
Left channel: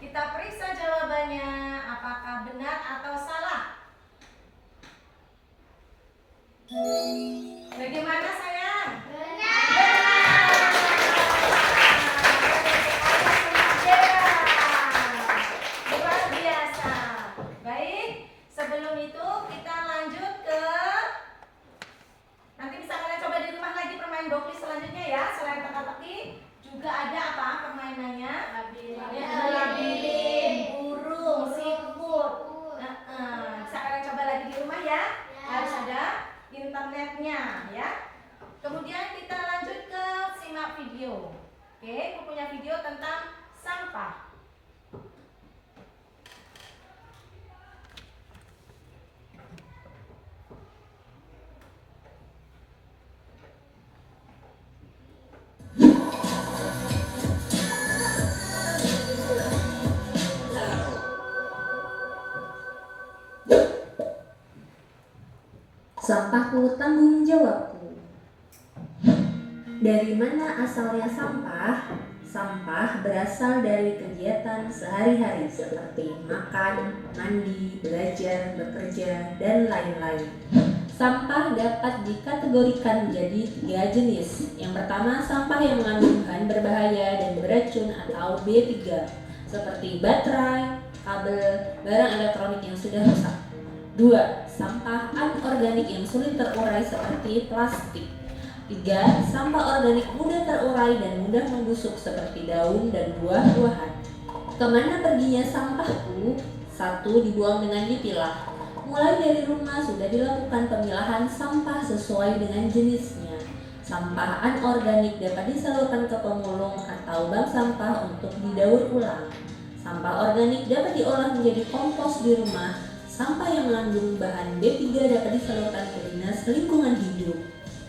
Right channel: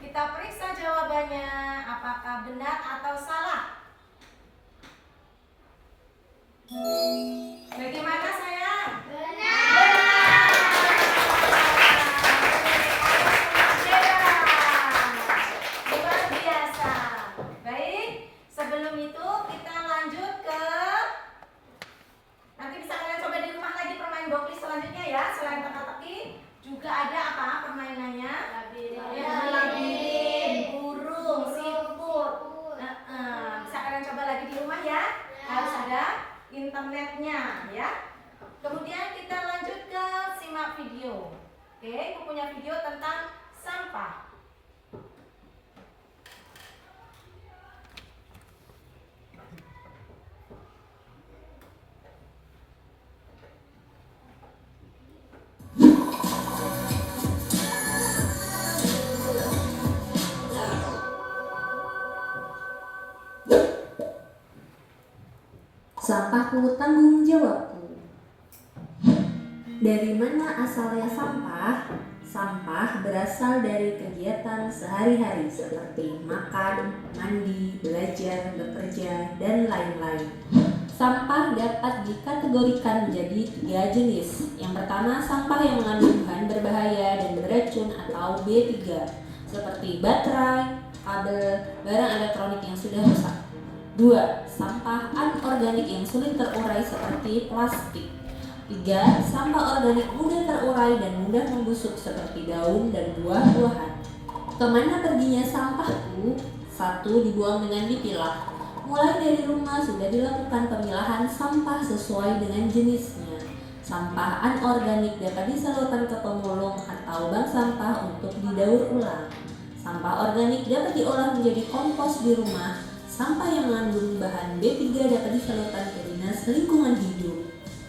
Kita periksa jawabannya apakah benar atau salah. Bagaimana sayang? Benar. Luar biasa. Baik, sebelum itu kita lanjut ke, nanti bisa kalian coba di rumah lagi permain boklis selanjutnya ya. Selain teka-teki juga ada apa permainannya? Labirin, burung, siput. Bisa kalian coba lagi di rumah ya. Harus ada internetnya ya. Kemudian kita lanjut ke simak video. Oke, aku punya video tentang sampah. Sampahku tanggung jawabku. Dari mana asalnya sampah? Sampah berasal dari kegiatan sehari-hari seperti makan, mandi, belajar, bekerja, dan lain-lain. Sampah dapat dikategorikan menjadi 3 jenis. Yang pertama, sampah yang mengandung bahan berbahaya dan beracun atau B3, seperti baterai, kabel, barang elektronik yang sudah rusak. 2. Sampah anorganik yang sulit terurai seperti plastik. 3. Sampah organik mudah terurai dan mudah membusuk seperti daun dan buah-buahan. Kemana perginya sampahku? 1. Dibuang dengan dipilah. Mulai dari rumah sudah dilakukan pemilahan sampah sesuai dengan jenisnya. Sampah anorganik dapat disalurkan ke pemulung atau bank sampah untuk didaur ulang. Sampah organik dapat diolah menjadi kompos di rumah. Sampah yang mengandung bahan B3 dapat disalurkan ke Dinas Lingkungan Hidup.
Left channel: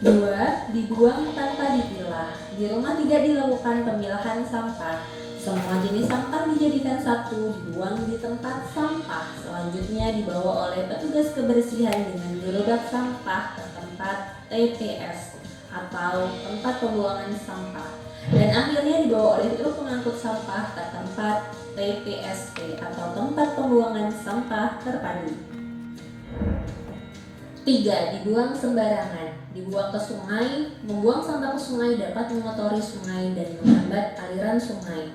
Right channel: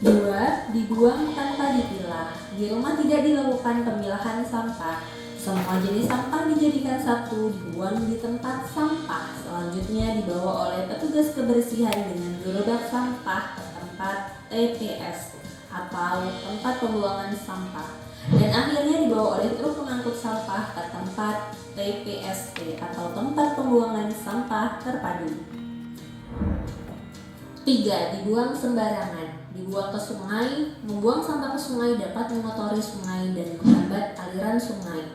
2. Dibuang tanpa dipilah. Di rumah tidak dilakukan pemilahan sampah. Semua jenis sampah dijadikan satu, dibuang di tempat sampah. Selanjutnya dibawa oleh petugas kebersihan dengan gerobak sampah ke tempat TPS atau tempat pembuangan sampah. Dan akhirnya dibawa oleh truk pengangkut sampah ke tempat TPST atau tempat pembuangan sampah terpadu. 3. Dibuang sembarangan. Dibuang ke sungai. Membuang sampah ke sungai dapat mengotori sungai dan menghambat aliran sungai.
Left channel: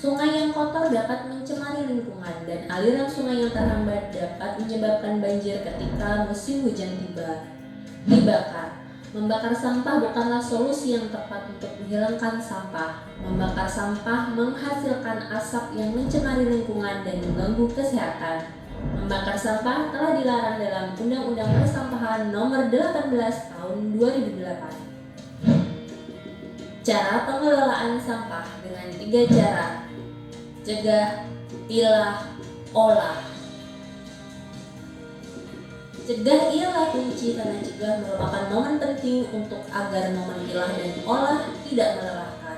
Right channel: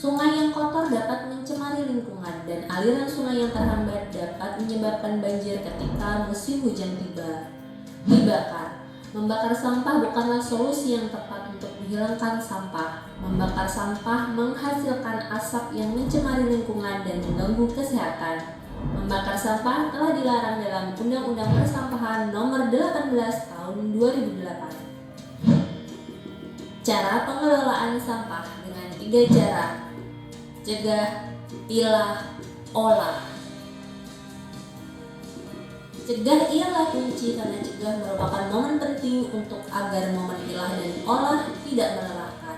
Sungai yang kotor dapat mencemari lingkungan dan aliran sungai yang terhambat dapat menyebabkan banjir ketika musim hujan tiba. Dibakar. Membakar sampah bukanlah solusi yang tepat untuk menghilangkan sampah. Membakar sampah menghasilkan asap yang mencemari lingkungan dan mengganggu kesehatan. Membakar sampah telah dilarang dalam Undang-Undang Persampahan Nomor 18 Tahun 2008. Cara pengelolaan sampah dengan 3 cara: cegah, pilah, olah. Cegah ialah kunci karena cegah merupakan momen penting untuk agar momen pilah dan olah tidak melelahkan.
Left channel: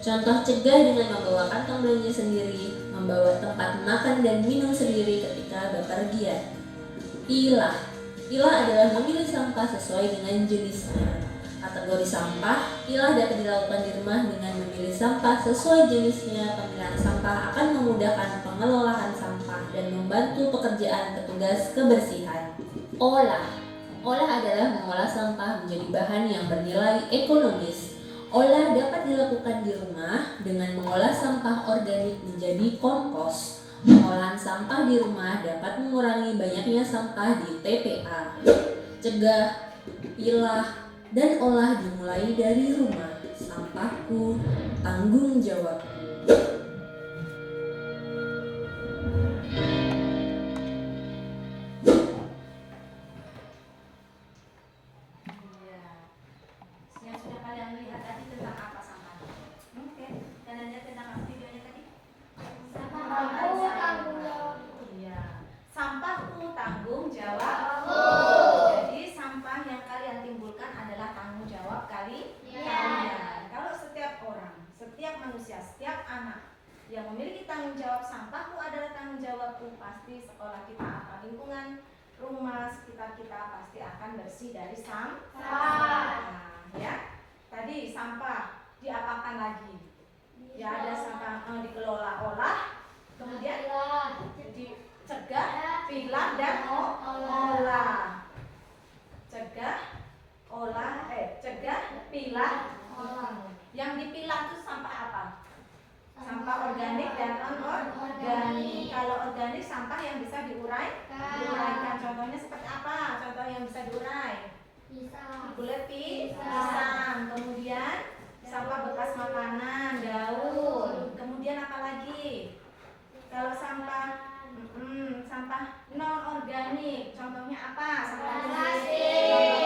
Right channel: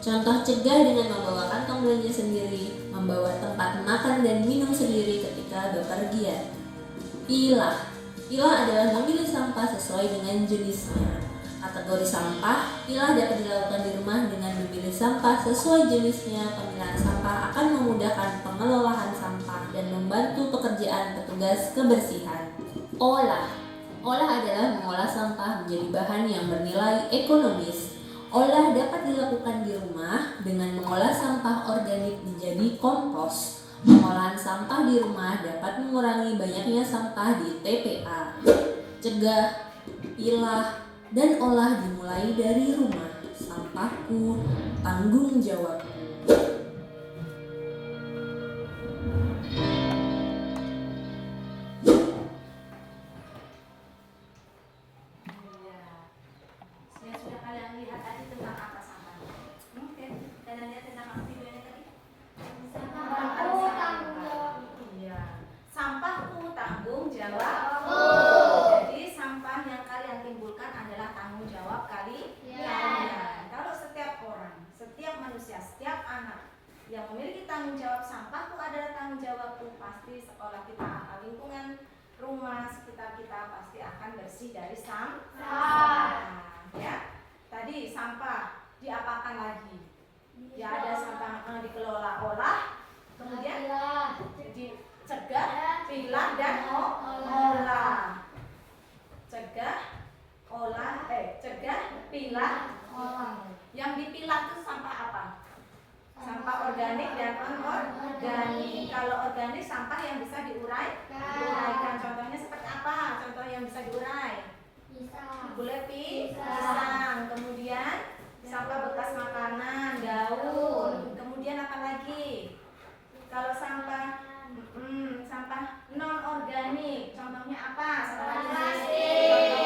Contoh cegah dengan membawa kantong belanja sendiri, membawa tempat makan dan minum sendiri ketika bepergian. Pilah adalah memilih sampah sesuai dengan jenisnya. Kategori sampah, pilah dapat dilakukan di rumah dengan memilih sampah sesuai jenisnya. Pemilihan sampah akan memudahkan pengelolaan sampah dan membantu pekerjaan petugas kebersihan. Olah adalah mengolah sampah menjadi bahan yang bernilai ekonomis. Olah dapat dilakukan di rumah dengan mengolah sampah organik menjadi kompos. Pengolahan sampah di rumah dapat mengurangi banyaknya sampah di TPA. Cegah, pilah, dan olah dimulai dari rumah. Sampahku, tanggung jawabku. Yang sudah kalian lihat tadi tentang apa sampah? Oke, kalian lihat tentang apa videonya tadi? Iya, sampahku tanggung jawabku. Jadi sampah yang kalian timbulkan adalah tanggung jawab kalian. Kalau setiap orang, setiap manusia, setiap anak yang memiliki tanggung jawab, sampahku adalah tanggung jawabku, pasti sekolah kita atau lingkungan rumah sekitar kita pasti akan bersih dari sampah. Ya, tadi sampah diapakan lagi? Ya, ada sampah dikelola olah, kemudian dicegah, pilah, dan olah. Cegah, pilah, olah. Yang dipilah itu sampah apa? Sampah organik dan anorganik. Kalau organik sampah yang bisa diuraikan. Contohnya seperti apa? Contoh yang bisa diurai. Kulit pisang, kemudian sampah bekas makanan, daun, kemudian apa lagi? Kalau sampah non organik, contohnya apa? Sampah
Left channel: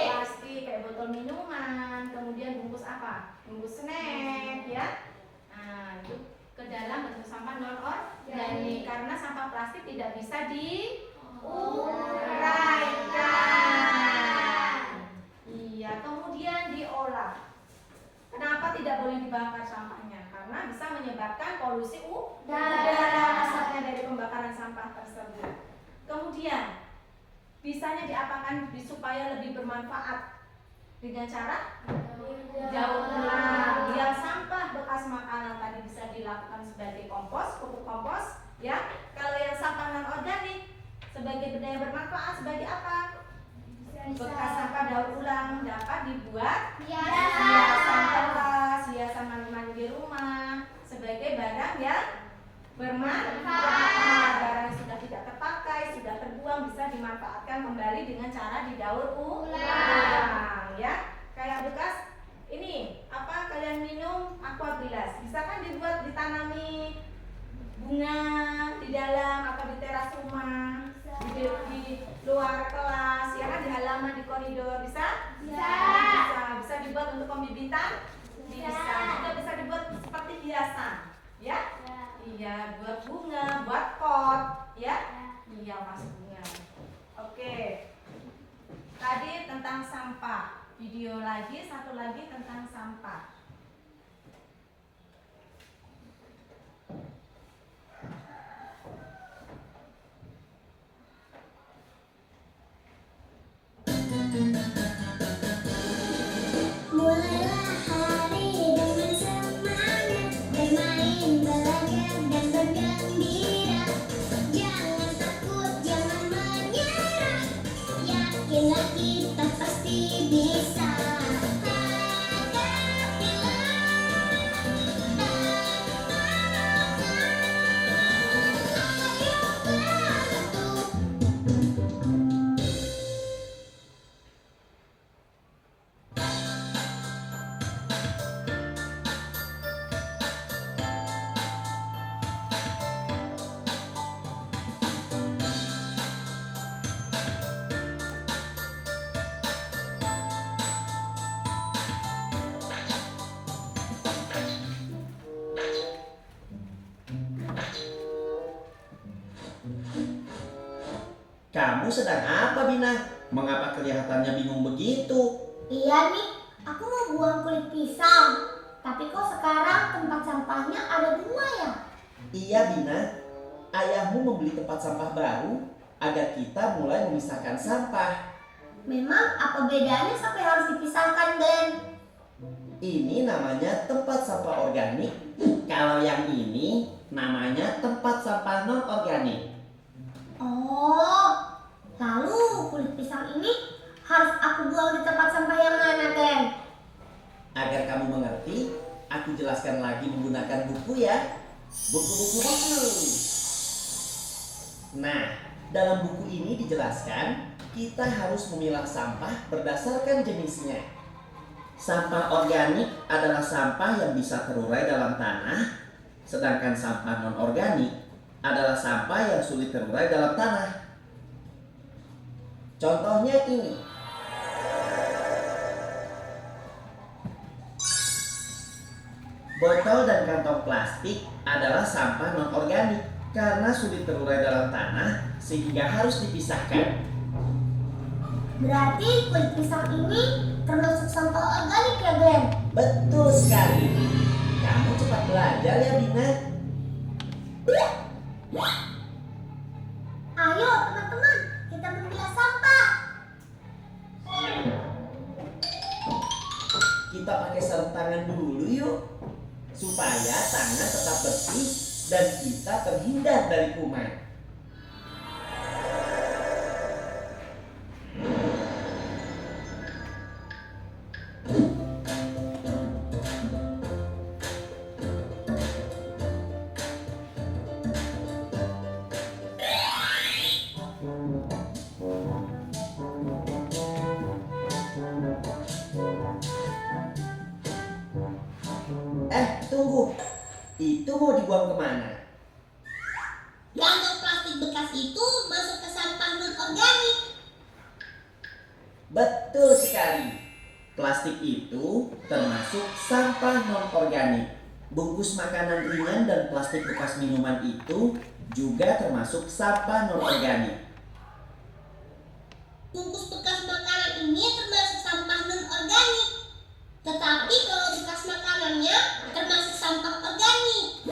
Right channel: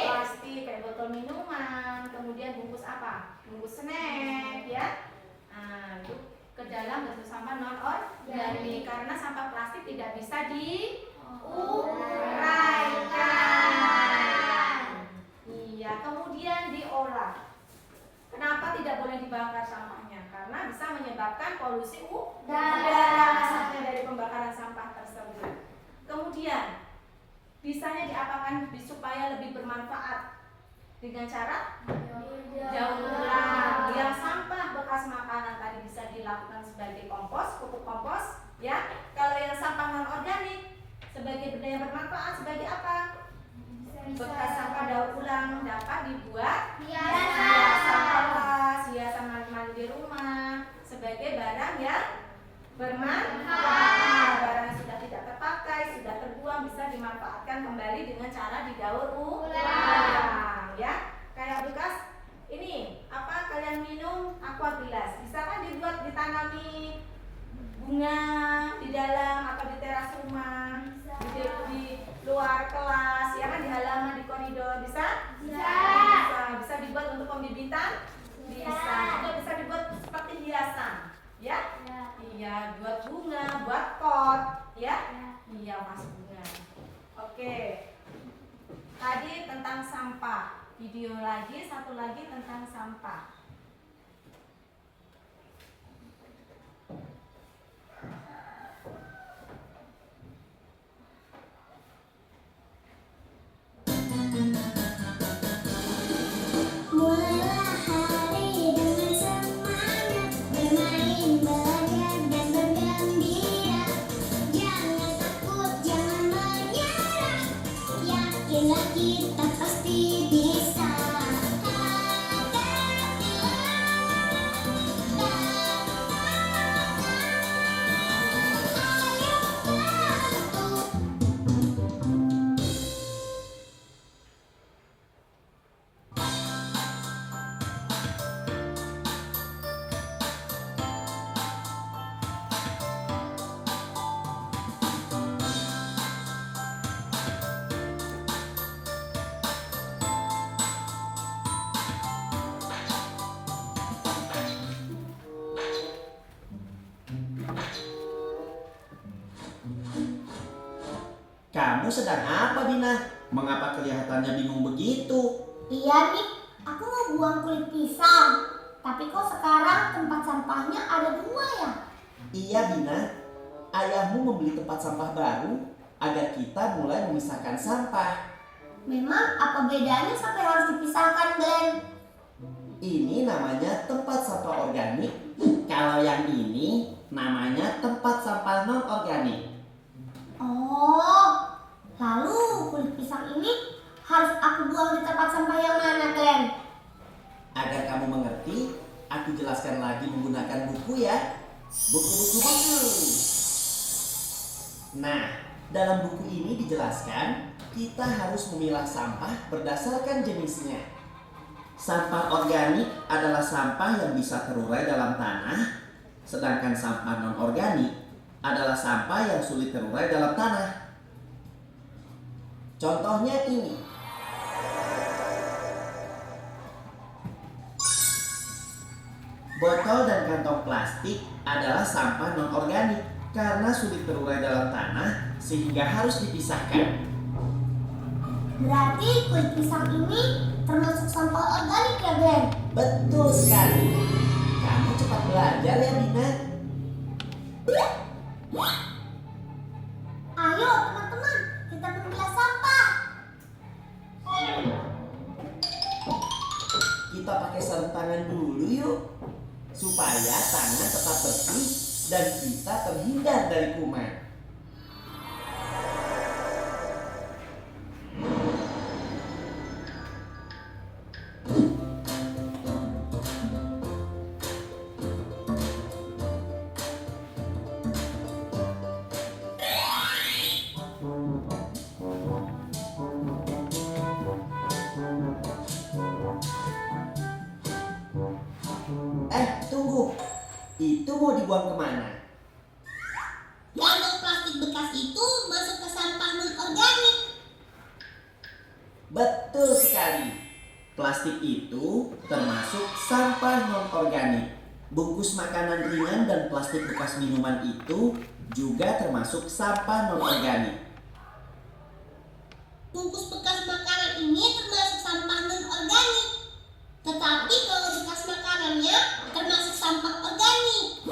plastik, kayak botol minuman, kemudian bungkus apa? Bungkus snack, ya. Nah, itu ke dalam bentuk sampah non organik karena sampah plastik tidak bisa diuraikan. Iya, kemudian diolah. Kenapa tidak boleh dibakar sampahnya? Karena bisa menyebabkan polusi udara asapnya dari pembakaran sampah tersebut. Kemudian bisanya diapakan supaya lebih bermanfaat? Dengan cara daur ulang. Yang sampah bekas makanan tadi bisa dilakukan sebagai kompos, pupuk kompos, ya. Kalau yang sampah non organik sebagai benda yang bermanfaat sebagai apa? Bekas sampah daur ulang dapat dibuat hiasan kelas, hiasan mandi di rumah sebagai barang yang bermanfaat. Barang yang sudah tidak terpakai, sudah terbuang bisa dimanfaatkan kembali dengan cara didaur ulang, ya. Kayak bekas ini apa kalian minum aqua gelas bisa kan dibuat ditanami bunga di dalam atau di teras rumah, di luar kelas, ya kan, di halaman, di koridor, bisa? Bisa dibuat untuk pembibitan? Bisa. Juga bisa dibuat seperti hiasan, ya? Iya, buat bunga, buat pot, ya? Iya, mas bunga. Oke. Tadi tentang sampah. Video lagi, satu lagi tentang sampah. Mulailah hari dengan semangat, bermain, belajar dan bergembira. Jangan takut, jangan menyerah. Yakinlah kita pasti bisa. Kamu sedang apa, Bina? Mengapa kelihatannya bingung begitu? Iya nih, aku mau buang kulit pisang. Tapi kok sekarang tempat sampahnya ada 2 ya? Iya, Bina. Ayahmu membeli tempat sampah baru agar kita mulai memisahkan sampah. Memang apa bedanya sampai harus dipisahkan, Glenn? Ini namanya tempat sampah organik. Kalau yang ini namanya tempat sampah non-organik. Oh, lalu kulit pisang ini harus aku buang di tempat sampah yang mana, Glenn? Agar kamu mengerti, aku jelaskan lagi menggunakan buku ya. Buku. Nah, dalam buku ini dijelaskan kita harus memilah sampah berdasarkan jenisnya. Sampah organik adalah sampah yang bisa terurai dalam tanah, sedangkan sampah non-organik adalah sampah yang sulit terurai dalam tanah. Contohnya ini. Botol dan kantong plastik adalah sampah non-organik karena sulit terurai dalam tanah sehingga harus dipisahkan. Berarti kulit pisang ini termasuk sampah organik ya, Glenn? Betul sekali. Kamu cepat belajar ya, Bina. Ayo teman-teman, kita memilah sampah. Kita pakai sarung tangan dulu yuk, supaya tangan tetap bersih dan kita terhindar dari kuman. Tunggu, itu mau dibuang kemana? Kantong plastik bekas itu masuk ke sampah non-organik. Betul sekali. Plastik itu termasuk sampah non-organik. Bungkus makanan ringan dan plastik bekas minuman itu juga termasuk sampah non-organik. Bungkus bekas makanan ini termasuk sampah non-organik. Tetapi kalau bekas makanannya termasuk sampah organik.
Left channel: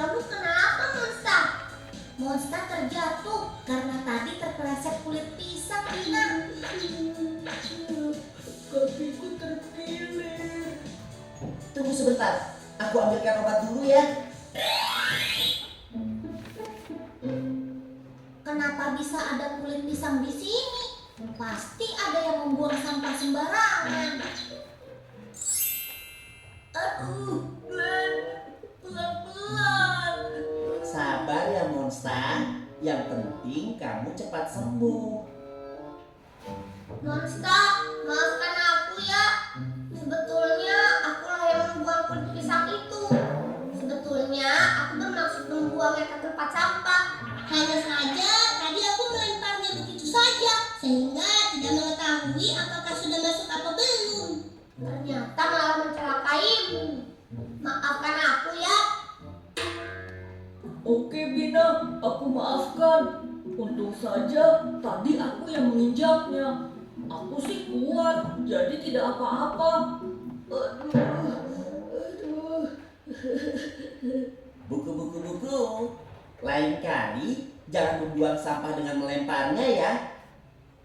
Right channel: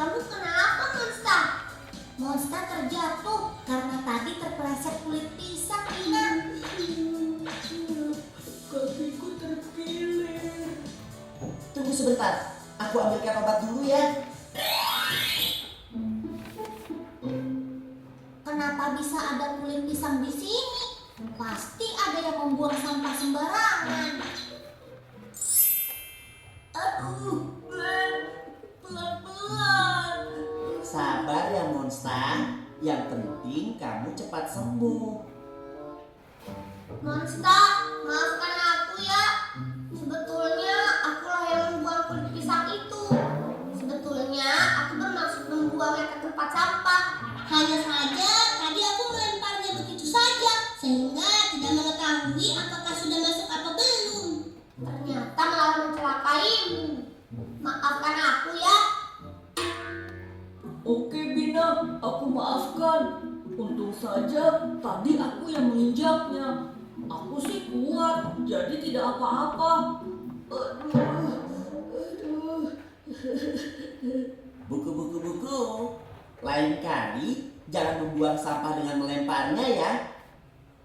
Kamu kenapa, Monster? Monster terjatuh karena tadi terpeleset kulit pisang, Dina. Kakiku terkilir. Tunggu sebentar, aku ambilkan obat dulu ya. Kenapa bisa ada kulit pisang di sini? Pasti ada yang membuang sampah sembarangan. Aduh, Glenn, pelan-pelan. Sabar ya Monsta, yang penting kamu cepat sembuh. Monsta, maafkan aku ya. Sebetulnya akulah yang membuang kulit pisang itu. Sebetulnya aku bermaksud membuangnya ke tempat sampah. Hanya saja tadi aku melemparnya begitu saja sehingga tidak mengetahui apakah sudah masuk atau belum. Ternyata malah mencelakaimu. Maafkan aku ya. Oke Bina, aku maafkan. Untung saja tadi aku yang menginjaknya. Aku sih kuat, jadi tidak apa-apa. Aduh. Buku. Lain kali jangan membuang sampah dengan melemparnya ya.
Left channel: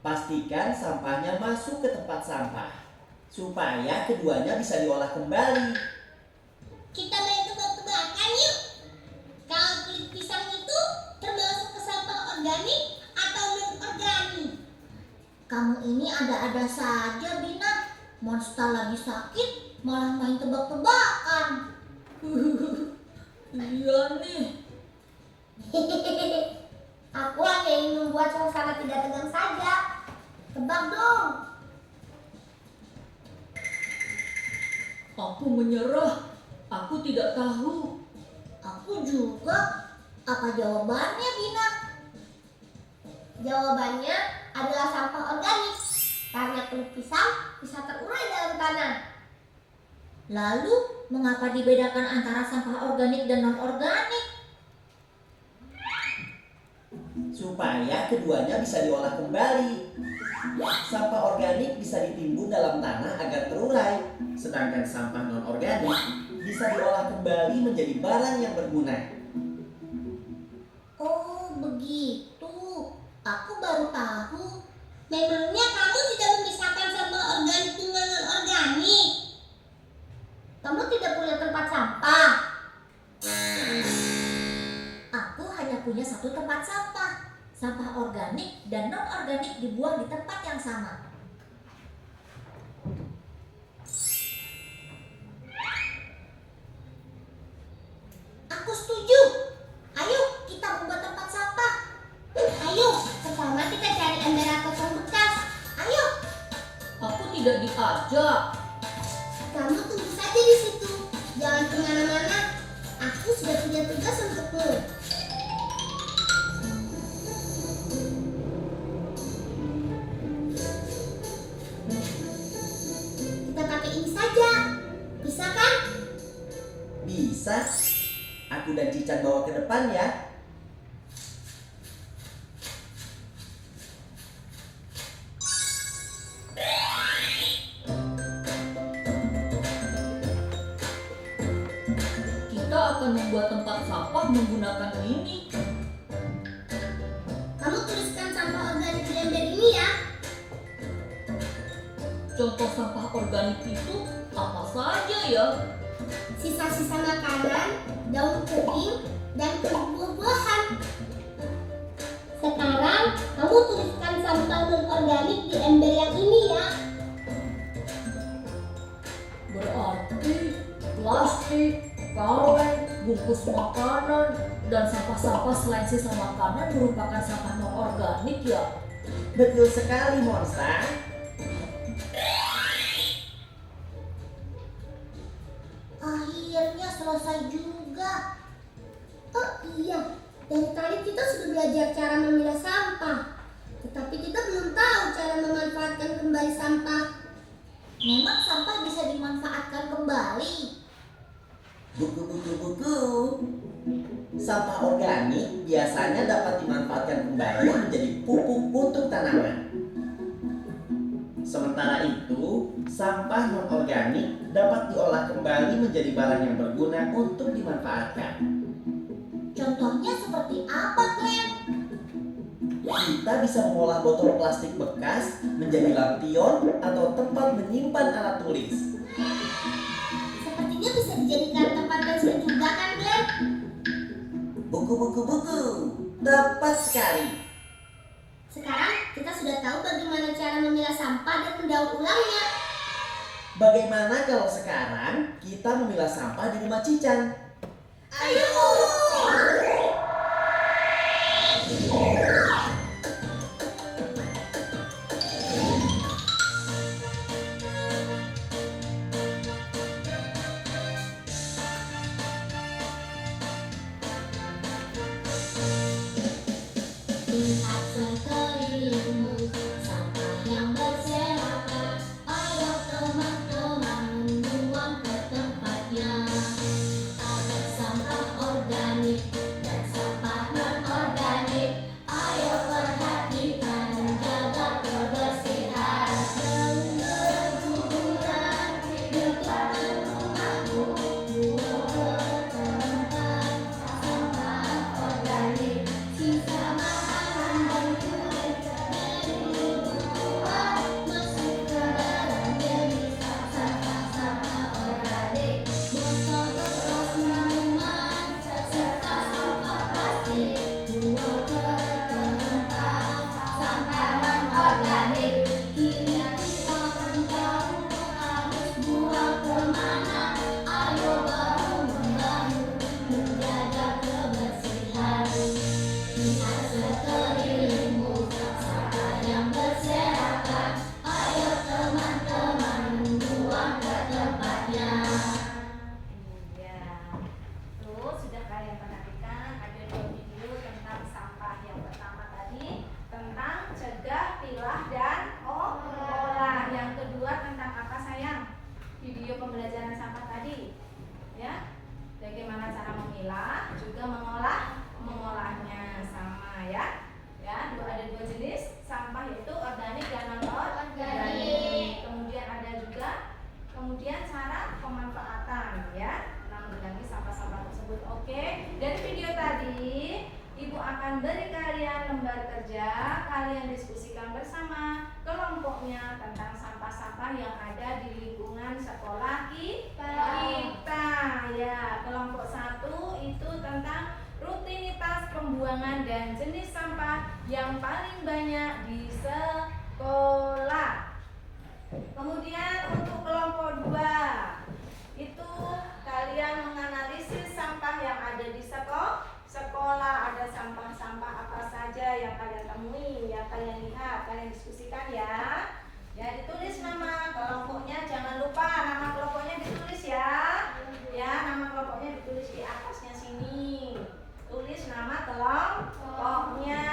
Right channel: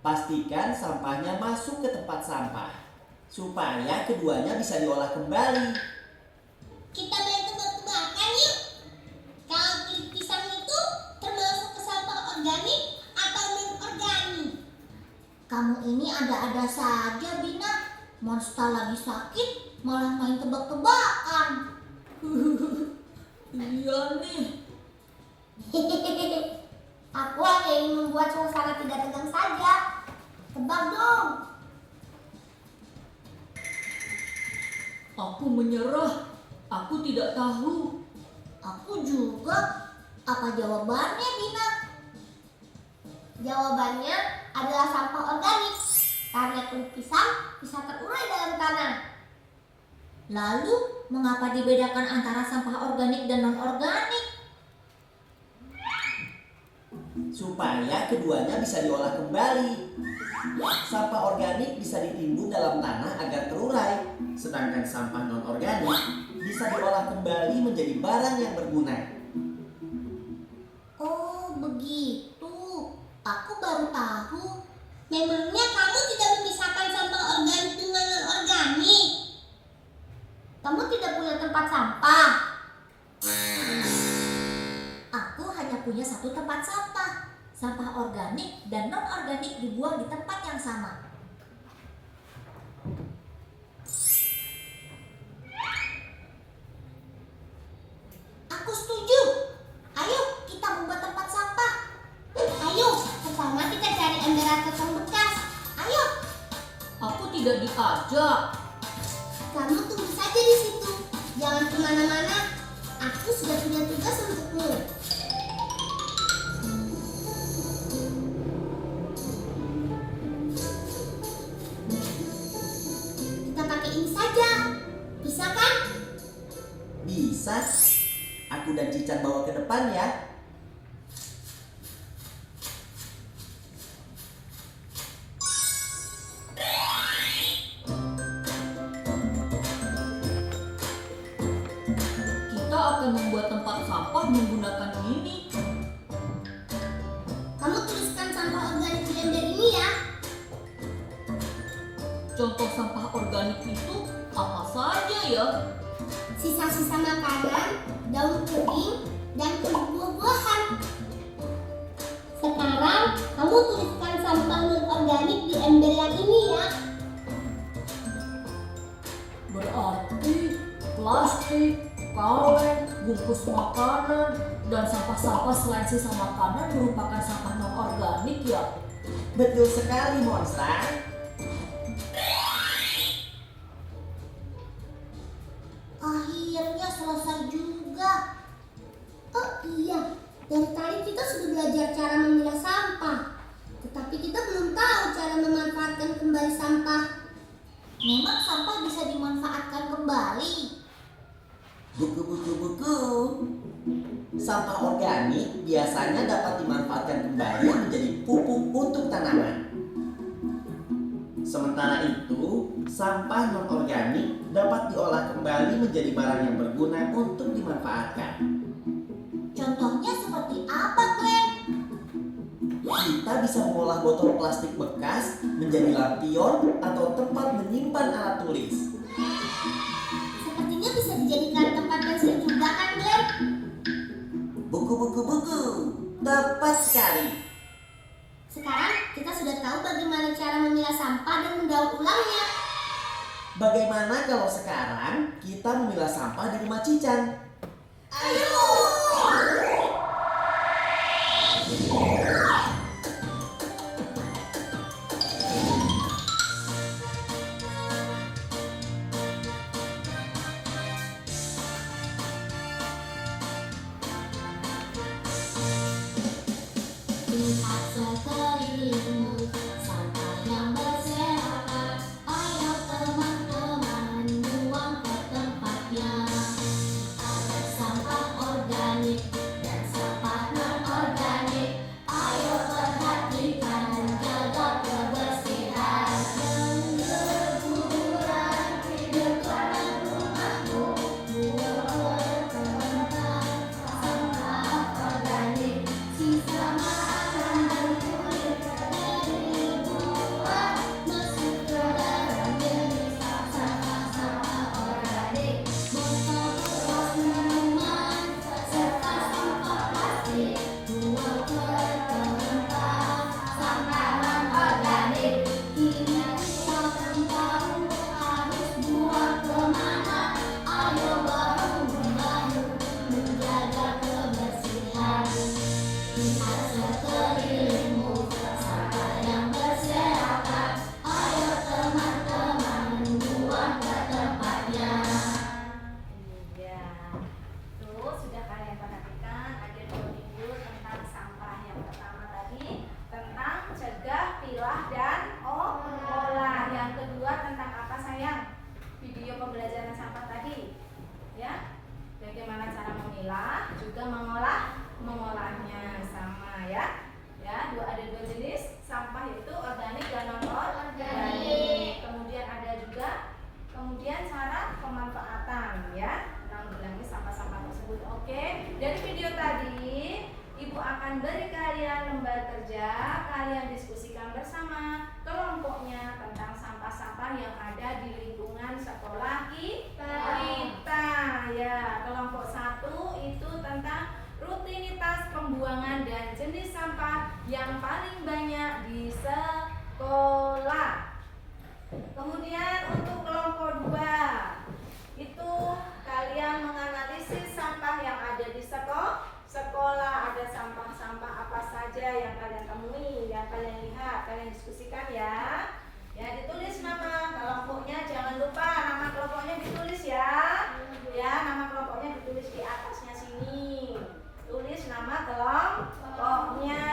Pastikan sampahnya masuk ke tempat sampah supaya keduanya bisa diolah kembali. Kita main tebak-tebakan yuk. Kalau kulit pisang itu termasuk ke sampah organik atau non-organik? Kamu ini ada-ada saja, Bina. Monster lagi sakit, malah main tebak-tebakan. Iya nih. Aku hanya ingin membuat suasana tidak tegang saja. Tebak dong. Aku menyerah. Aku tidak tahu. Aku juga. Apa jawabannya, Bina? Jawabannya adalah sampah organik. Karena kulit pisang bisa terurai dalam tanah. Lalu, mengapa dibedakan antara sampah organik dan non-organik? Supaya keduanya bisa diolah kembali. Sampah organik bisa ditimbun dalam tanah agar terurai, sedangkan sampah non-organik bisa diolah kembali menjadi barang yang berguna. Oh, begitu. Aku baru tahu. Memangnya kamu tidak memisahkan sampah organik dengan non-organik? Kamu tidak punya tempat sampah? Aku hanya punya satu tempat sampah. Sampah organik dan non-organik dibuang di tempat yang sama. Aku setuju. Ayo kita membuat tempat sampah. Ayo, pertama kita cari ember kosong bekas. Ayo. Aku tidak diajak. Kamu tunggu saja di situ. Jangan kemana-mana. Aku sudah punya tugas untukmu. Kita pakai ini saja. Bisa kan? Bisa. Aku dan Cican bawa ke depan ya. Kita akan membuat tempat sampah menggunakan ini. Kamu tuliskan sampah organik di ember ini ya. Contoh sampah organik itu apa saja ya? Sisa-sisa makanan, daun kering, dan kulit buah-buahan. Sekarang kamu tuliskan sampah non-organik di ember yang ini ya. Berarti plastik, kaleng, bungkus makanan, dan sampah-sampah selain sisa makanan merupakan sampah non-organik ya? Betul sekali Monsta. Akhirnya selesai juga. Oh iya, dari tadi kita sudah belajar cara memilah sampah. Tetapi kita belum tahu cara memanfaatkan kembali sampah. Memang sampah bisa dimanfaatkan kembali. Buku. Sampah organik biasanya dapat dimanfaatkan kembali menjadi pupuk untuk tanaman. Sementara itu, sampah non-organik dapat diolah kembali menjadi barang yang berguna untuk dimanfaatkan. Contohnya seperti apa, Glenn? Kita bisa mengolah botol plastik bekas menjadi lampion atau tempat menyimpan alat tulis. Sepertinya bisa dijadikan tempat pensil juga kan, Glenn? Buku. Tepat sekali. Sekarang kita sudah sudah tahu bagaimana cara memilah sampah dan mendaur ulangnya. Bagaimana kalau sekarang kita memilah sampah di rumah Cican? Ayo! Lihat sekelilingmu, sampah yang berserakan. Ayo teman-teman, buang ke tempatnya. Ada sampah organik dan sampah non-organik. Ayo perhatikan, jaga kebersihan. Berleburan di depan rumahmu, buang ke tempat sampah organik. Sisa makan dan kulit dari buah masuk ke dalam jenis sampah-sampah organik. Botol bekas minuman serta sampah plastik buang ke tempat sampah non-organik. Kini kita pun tahu harus buang kemana. Ayo bahu-membahu menjaga kebersihan. Lihat sekelilingmu, sampah yang berserakan. Ayo teman-teman, buang ke tempatnya. Iya. Tuh, sudah kalian perhatikan ada 2 video tentang sampah. Yang pertama tadi tentang cegah, pilah, dan olah. Yang kedua tentang apa sayang? Video pembelajaran sampah tadi. Ya. Bagaimana cara memilah, juga mengolahnya sama ya. Ya, ada 2 jenis sampah, yaitu organik dan non-organik. Kemudian ada juga cara pemanfaatan ya, menanggulangi sampah-sampah tersebut. Oke, dari video tadi Ibu akan beri kalian lembar kerja, kalian diskusikan bersama kelompoknya tentang sampah-sampah yang ada di lingkungan sekolah kita. Ya, kelompok 1 itu tentang rutinitas pembuangan dan jenis sampah yang paling banyak di sekolah. Kemudian untuk kelompok 2 itu kalian menganalisis sampah yang ada di sekolah. Ada sampah-sampah apa saja yang kalian temui, yang kalian lihat, kalian diskusikan ya. Ya, ditulis nama kelompoknya, jangan lupa nama kelompoknya ditulis ya. Ya, nama kelompoknya ditulis di atasnya sini. Tulis nama kelompoknya.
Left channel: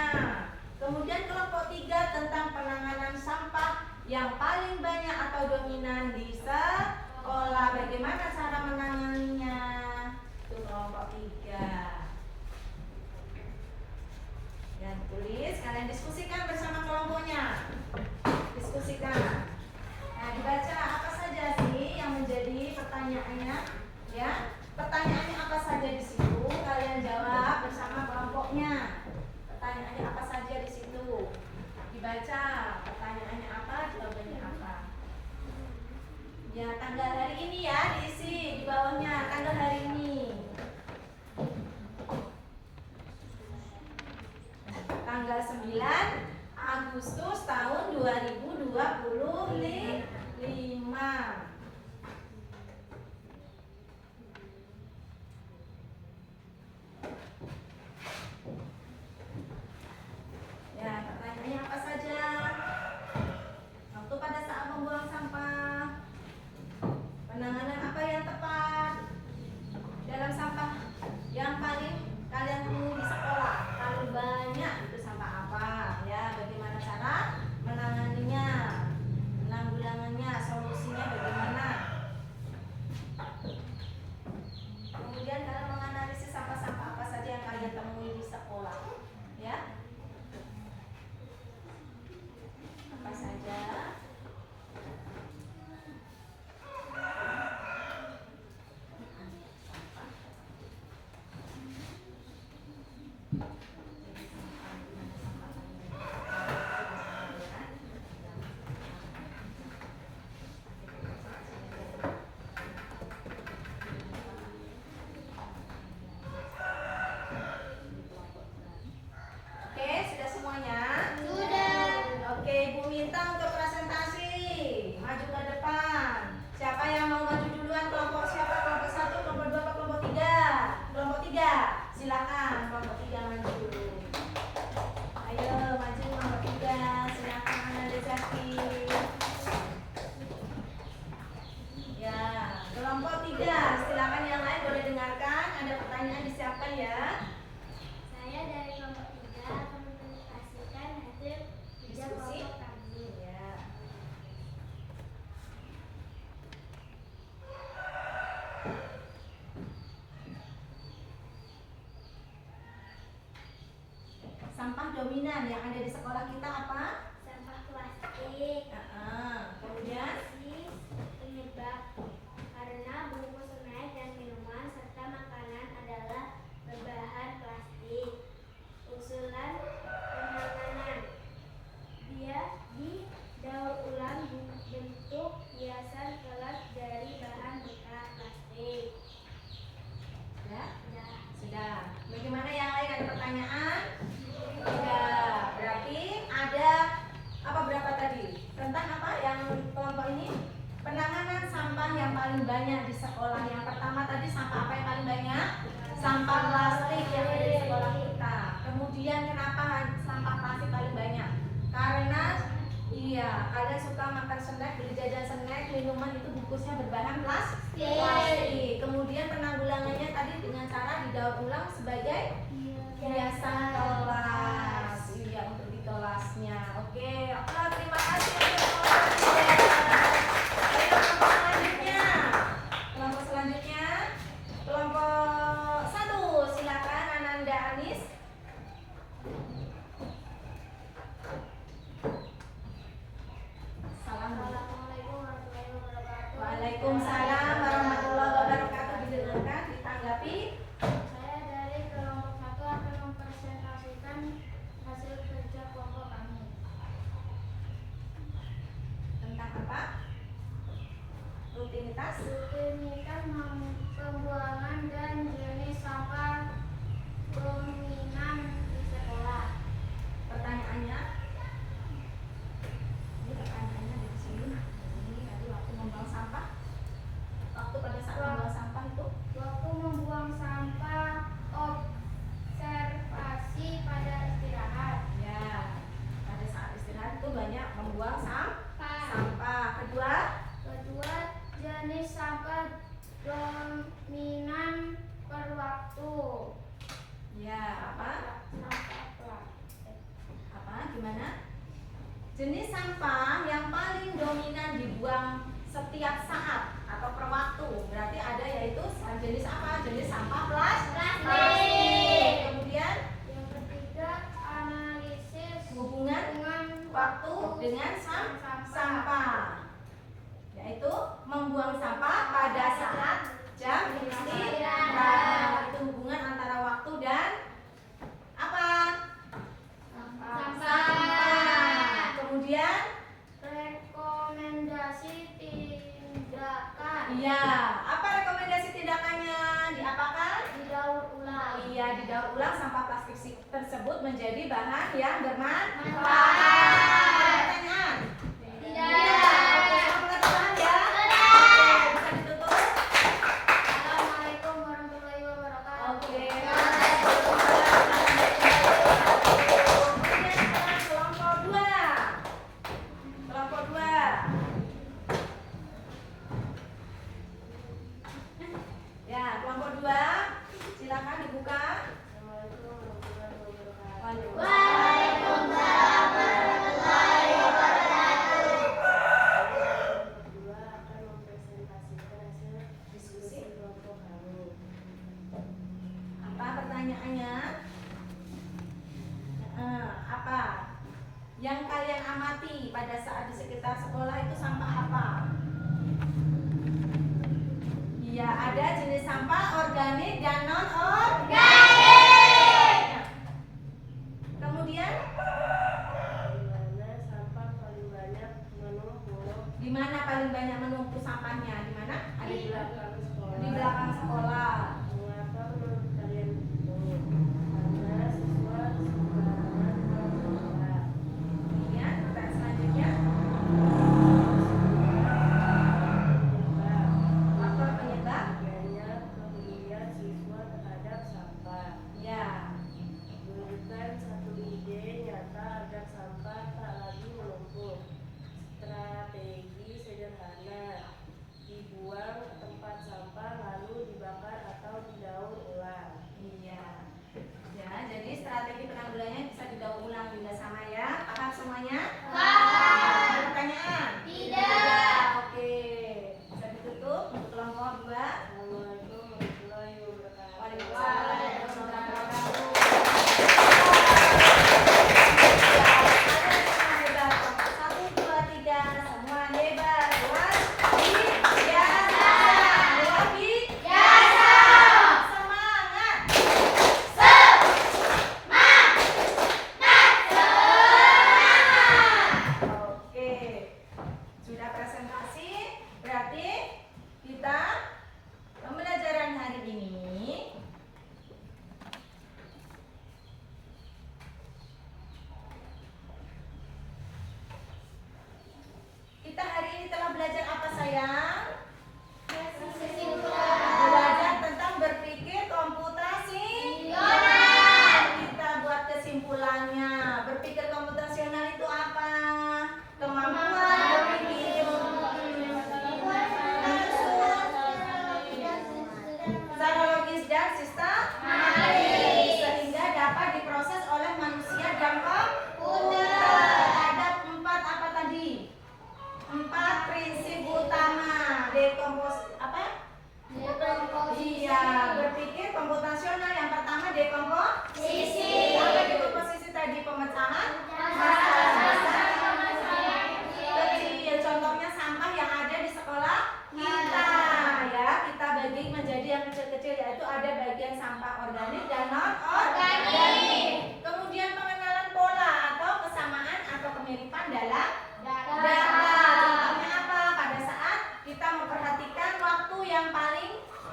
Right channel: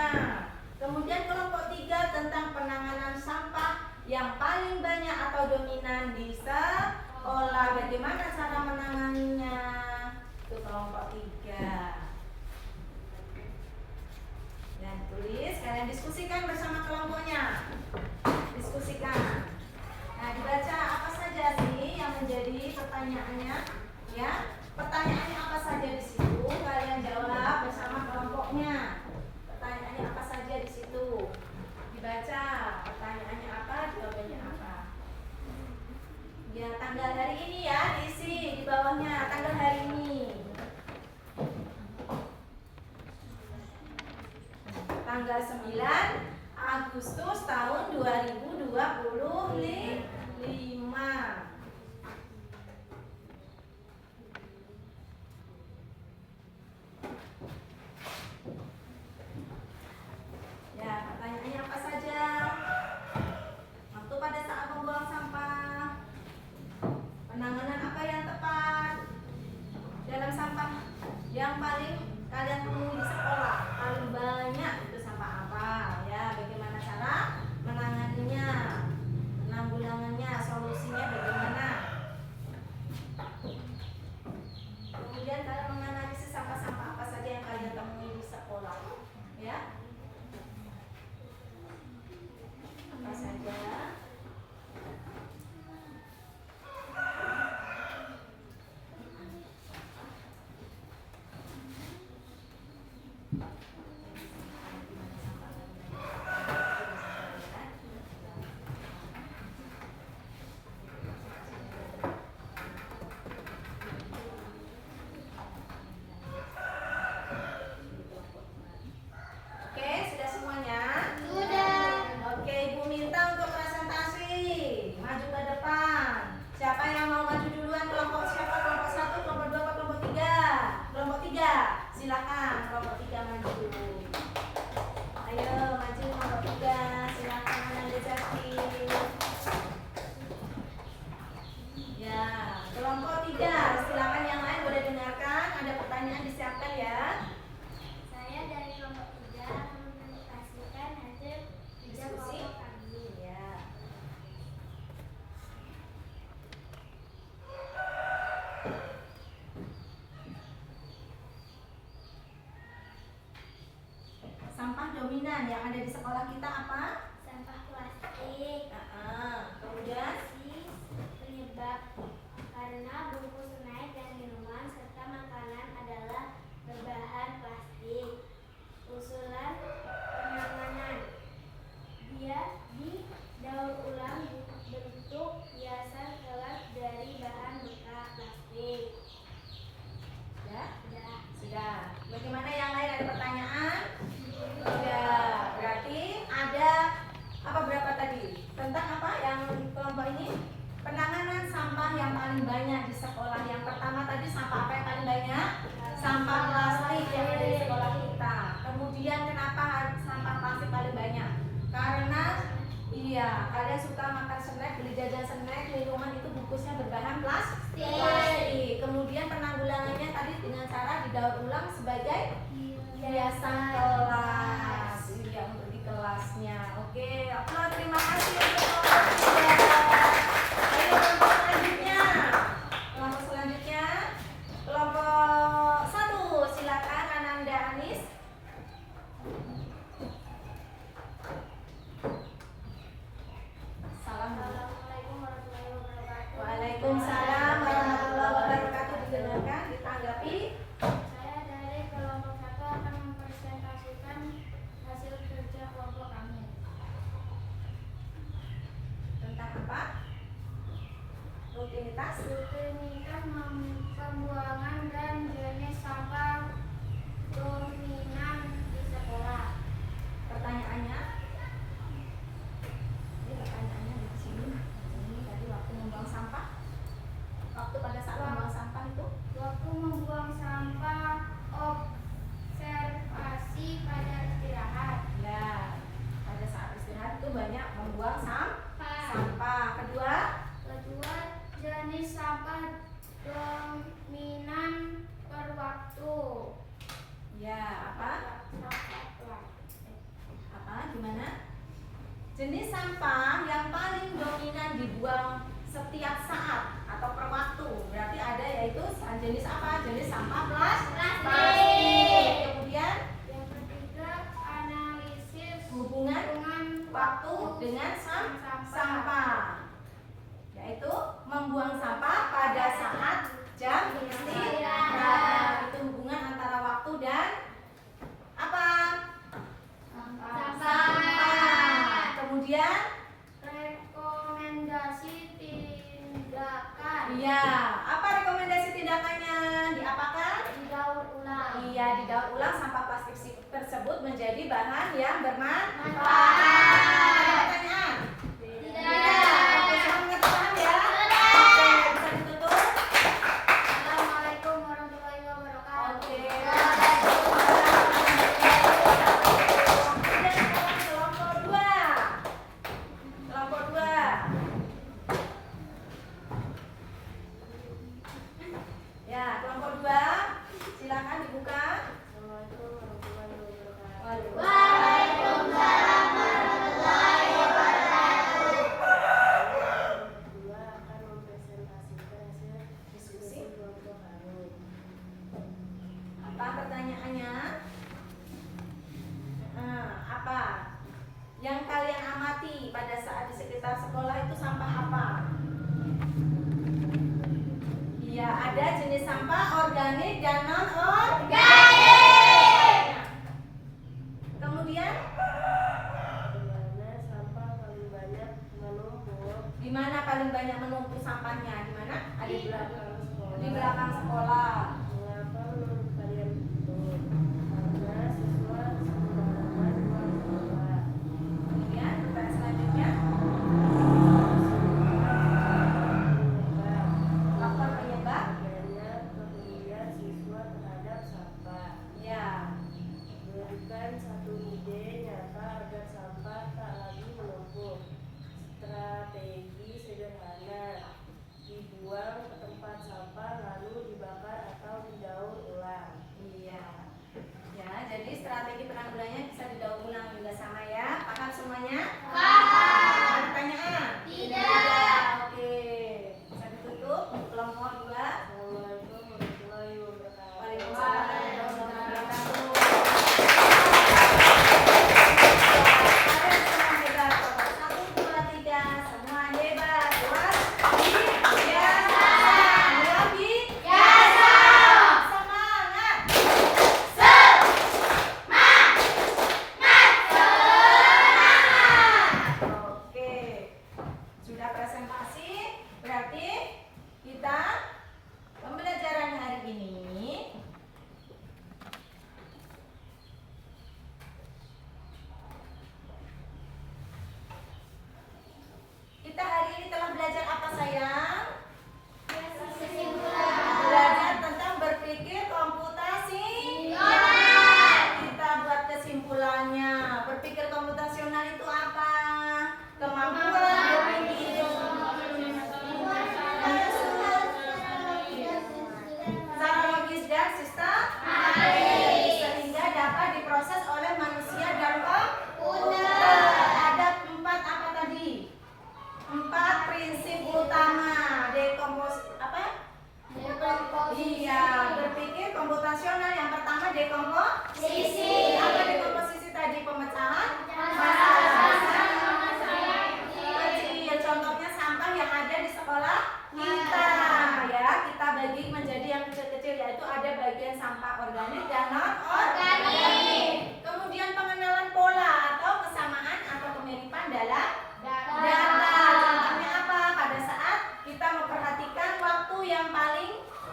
Kemudian kelompok 3 tentang penanganan sampah yang paling banyak atau dominan di sekolah. Bagaimana cara menanganinya? Itu kelompok 3. Ya, ditulis, kalian diskusikan bersama kelompoknya. Diskusikan. Nah, dibaca apa saja sih yang menjadi pertanyaannya? Ya, pertanyaannya apa saja di situ? Kalian jawab bersama kelompoknya. Pertanyaannya apa saja di situ? Dibaca. Pertanyaannya apa? Jawabannya apa? Ya, tanggal hari ini ya diisi di bawahnya. Tanggal hari ini. Tanggal 9 Agustus tahun 2025. Ya, pertanyaannya apa saja? Waktu pada saat membuang sampah, penanganan apa yang tepat dalam sampah yang paling kalian temui di sekolah? Paling banyak itu sampah apa? Ya, bagaimana cara menanganinya, penanggulangan dominan yang ada di sekolah kita apa? Sampah plastik. Kemudian Penyebab karena bungkus snack dan minuman serta makanan adalah berbahan plastik. Usulan penanganan, dia didaur ulang bentuk hiasan kelas dari bahan bekas plastik. Sudah. Bagaimana yang lain, ada pertanyaan? Tidak. Berarti ada apa, berapa tadi? Tentang apa yang kelompok ini? Penanganan sampah yang paling banyak di sekolah. Yang pertama tadi sampah apa yang paling banyak? Sampah plastik yang ada di sekolah kita. Kemudian kenapa sampah plastik paling banyak? Karena kalian suka makan snack, beli jajan snack, minuman itu bungkusnya berbahan plastik. Kemudian penanggulangannya tadi dengan cara didaur ulang sebagai hiasan kelas. Iya, untuk di kelasnya. Oke, terima kasih untuk ayo kelompok selanjutnya. Kelompok selanjutnya, kelompok 1, silakan Ananda Anis. Assalamualaikum warahmatullahi wabarakatuh. Waalaikumsalam warahmatullahi wabarakatuh. Didengarkan, ditanggapi. Saya dari kelompok 1 akan mempresentasikan hasil kerja kelompok kami. Tentang apa? Rutinitas. Rutinitas pembuangan dan jenis sampah dominan di sekolah. Pertanyaannya, ini pertanyaannya di sini. Ini tadi waktu membuang sampah. Waktu pada saat membuang sampah itu, Waktu membuang sampah, observasi pada istirahat. ya, pada saat istirahat itu banyak membuang sampah. Kedua, Jenis sampah dominan per waktu. ya apa? Gimana? Jenis sampah yang paling dominan dibuang setiap saat atau per waktu. Berarti ada yaitu jenis apa? Jenis sampah plastik. Kemudian Yang ketiga, analisis hubungan waktu dengan sampah, yaitu membuang sampah pada saat jam istirahat. Itu hubungan antara waktu dan apa? Sampah. Kemudian rekomendasi tindakan. iya, apa rekomendasi tindakannya? Diapakan? Didaur ulang. Iya, didaur ulang sampah plastik tersebut menjadi bahan yang bermanfaat. Ada pertanyaan? Tidak. Oke, semua mengerti paham ya? Oke, bisa ditutup. Assalamualaikum warahmatullahi wabarakatuh. Oke. Kemudian sekarang kelompok 2. Kelompok 2. Ya, kelompok 2. Silakan dibuka. Assalamualaikum warahmatullahi wabarakatuh. Waalaikumsalam. Kedua akan mempresentasikan hasil diskusi kelompok kami. Apa pertanyaannya? Apa yang kalian amati pada saat di sekitar sekolah itu sampah apa? Iya, ada jenis sampah organik dan non organik. Kemudian di mana paling banyak menumpuk sampahnya? Di mana? Ada di belakang sekolah. Di belakang sekolah. Mengapa menurut kalian begitu? Karena siswa sembarangan buang sampah. Kemudian pertanyaan selanjutnya, faktor penyebab. Adanya kepedulian siswa terhadap sampah. Ya, Berikan satu ide nyata agar sampah tak lagi menumpuk. Strategi sederhana: dibuang ke tempat sampah lalu dibakar atau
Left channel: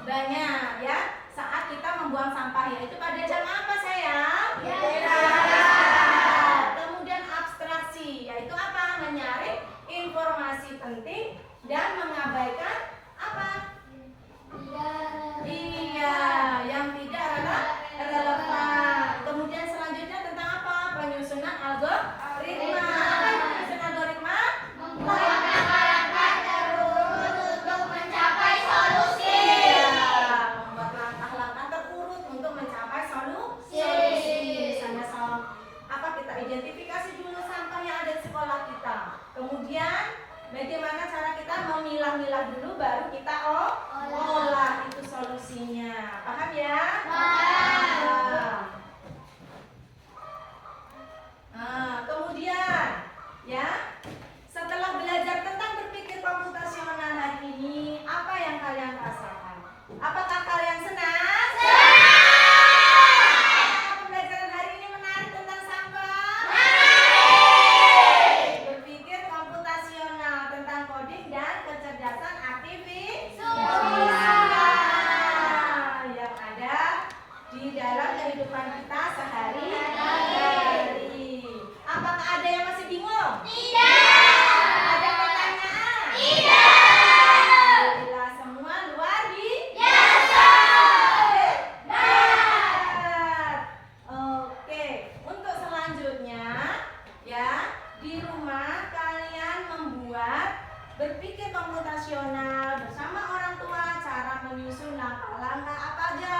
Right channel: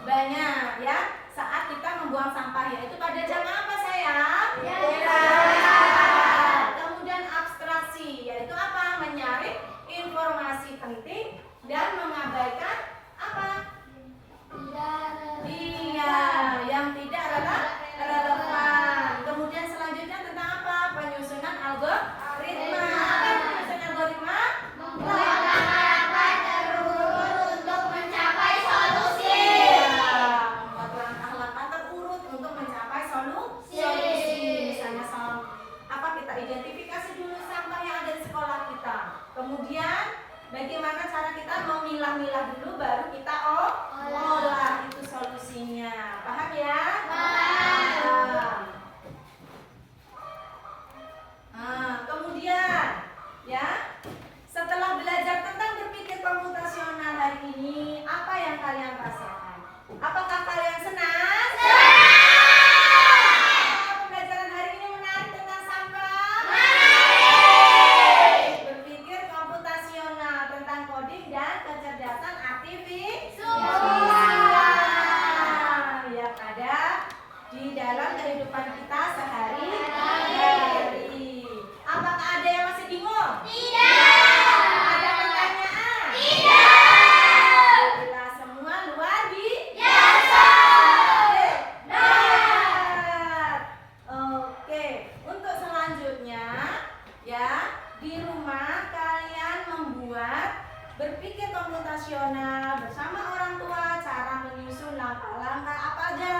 Banyak ya. Saat kita membuang sampah, yaitu pada jam apa sayang? Kemudian abstraksi, yaitu apa? Menyaring informasi penting dan mengabaikan apa? Iya, yang tidak relevan. Kemudian selanjutnya tentang apa? Penyusunan algoritma. Apa itu penyusunan algoritma? Membuat langkah terurut untuk mencapai solusi. Iya, membuat langkah-langkah terurut untuk mencapai solusi. Misalnya apa, kita identifikasi dulu sampah yang ada di sekolah kita. Kemudian bagaimana cara kita memilah-milah dulu, baru kita olah, itu solusinya. Paham ya? Paham. Nah, kemudian ya, setelah belajar tentang berpikir komputasional hari ini, apa yang kalian rasakan? Apakah kalian senang? Pembelajaran hari ini menarik tentang sampah? Berpikir komputasional tentang coding dan kecerdasan artifisial ya, pada di dalam kehidupan kita sehari-hari. Apakah ada yang masih bingung? Tidak. Ada pertanyaan? Tidak. Alhamdulillah, semua luar biasa. Hebat. Oke, untuk selanjutnya ya, di rumah kalian membuat berpikir komputasional bersama orang tua, cara menyusun langkah-langkah apa aja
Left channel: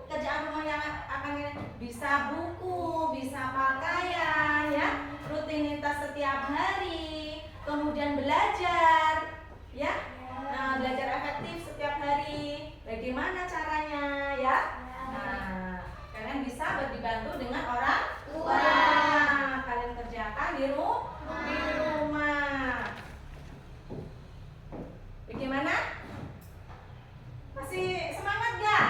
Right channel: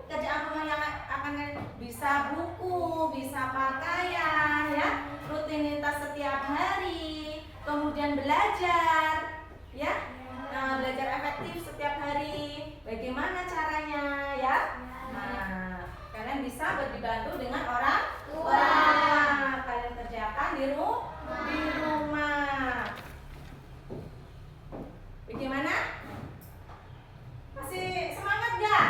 pekerjaan rumah yang akan bisa buku, bisa pakaian ya, rutinitas setiap hari, kemudian belajar ya, belajar efektif setiap hari, bagaimana caranya ya. Nah, kalian bisa dibantu dengan orang tua. Kalian kerjakan di rumah. Bagaimana? Masih semangat gak?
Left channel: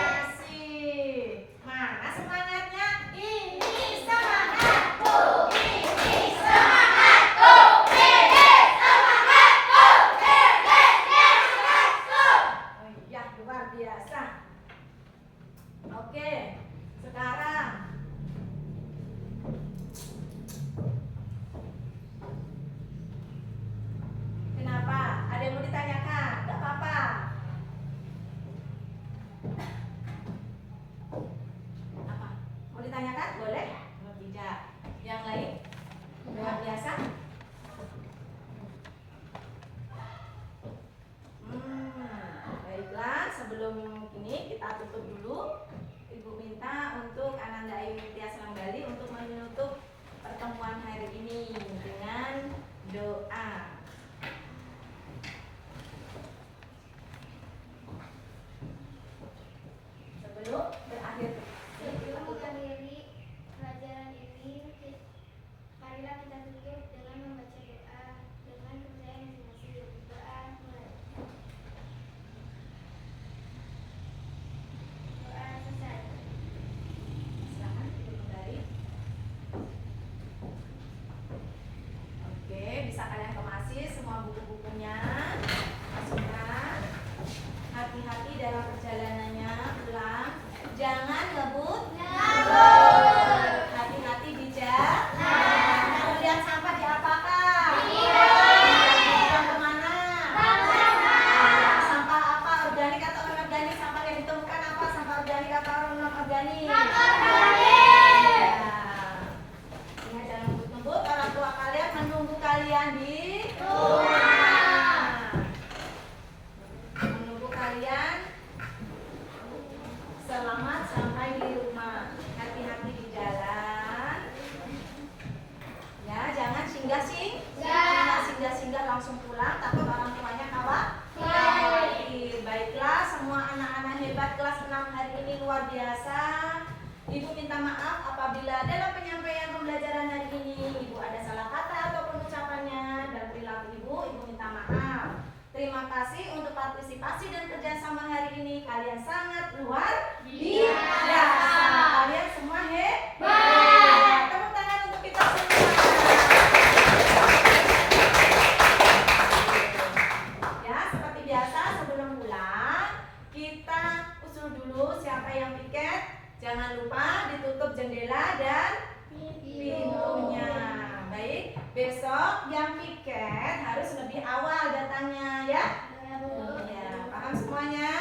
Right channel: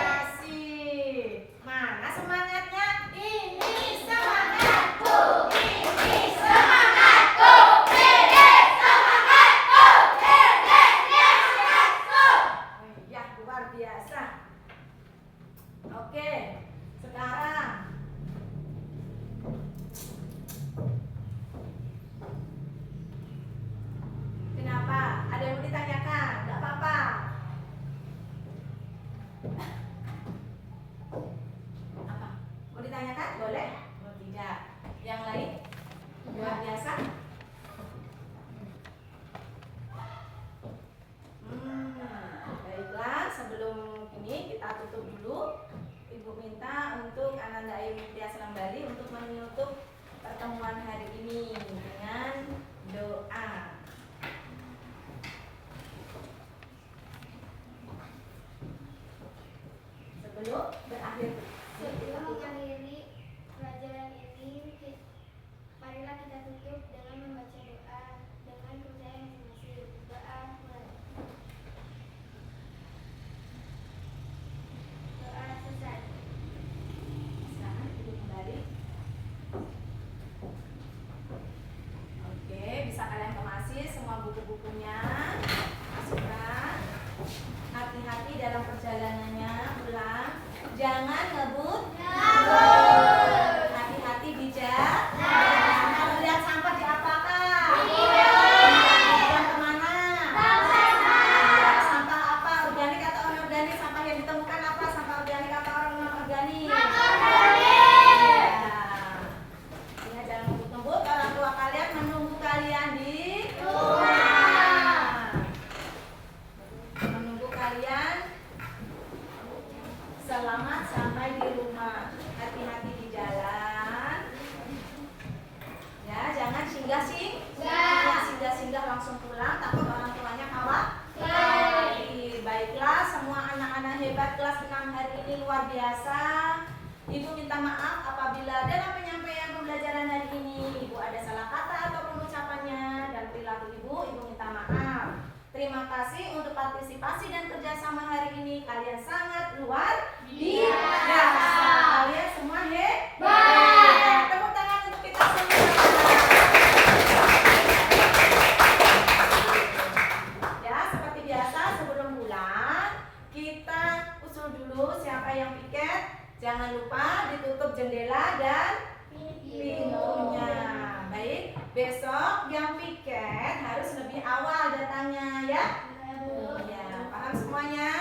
Masih. Mana semangatnya? Ini semangatku. Ini semangatku. Ini semangatku. Ini semangatku. Oh iya, luar biasa. Oke, sekarang kenapa? Ada yang mau ditanyakan? Gak apa-apa. Apa? Mau ditanyakan? Boleh? Oh, tidak. Yang lain? Luar biasa? Baiklah, sebelum ini kita tutup dulu. Ibu minta untuk Ananda Ayu Nitya Senang-Bali untuk menutup pertemuan hari ini dengan doa. Sebelum berakhir, Sebelum mengakhiri pelajaran ini, marilah kita tutup dengan membaca doa dengan kepercayaan masing-masing. Doa mulai. Doa selesai. Silakan ibu kembali. Oke, bisa kalian kemasi semua buku-bukunya, masukkan. Hati-hati dalam perjalanannya, pulang. Jangan ngebut. Hati-hati di jalan. Kalau lihat sampah diapakan? Buang kemana? Sampah apa? Organik atau non-organik? Sampah yang ditemukan apa? Sampah organik atau non-organik? Ingat, jangan ngebut-ngebut. Orang tua kalian menunggu kalian di rumah. Menunggu kalian selamat sampai di rumah. Hati-hati di jalan. Ya, jangan singgah-singgah langsung pulang, takut orang tuanya khawatir. Baiklah, semua anak-anak hebat kelas 6 hari ini luar biasa. Ibu minta maaf apabila dalam penyampaian pembelajaran hari ini Ibu ada salah kata ataupun ucapannya dan perilaku Ibu minta maaf. Terima kasih untuk partisipasi dan kerjasama hari ini. Kalian sangat luar biasa. Kalian semua hebat. Tepuk tangan untuk kita semua. Ya, seperti biasa sebelum Besok jam piket harus lebih awal datangnya ya. Iya, paham semuanya?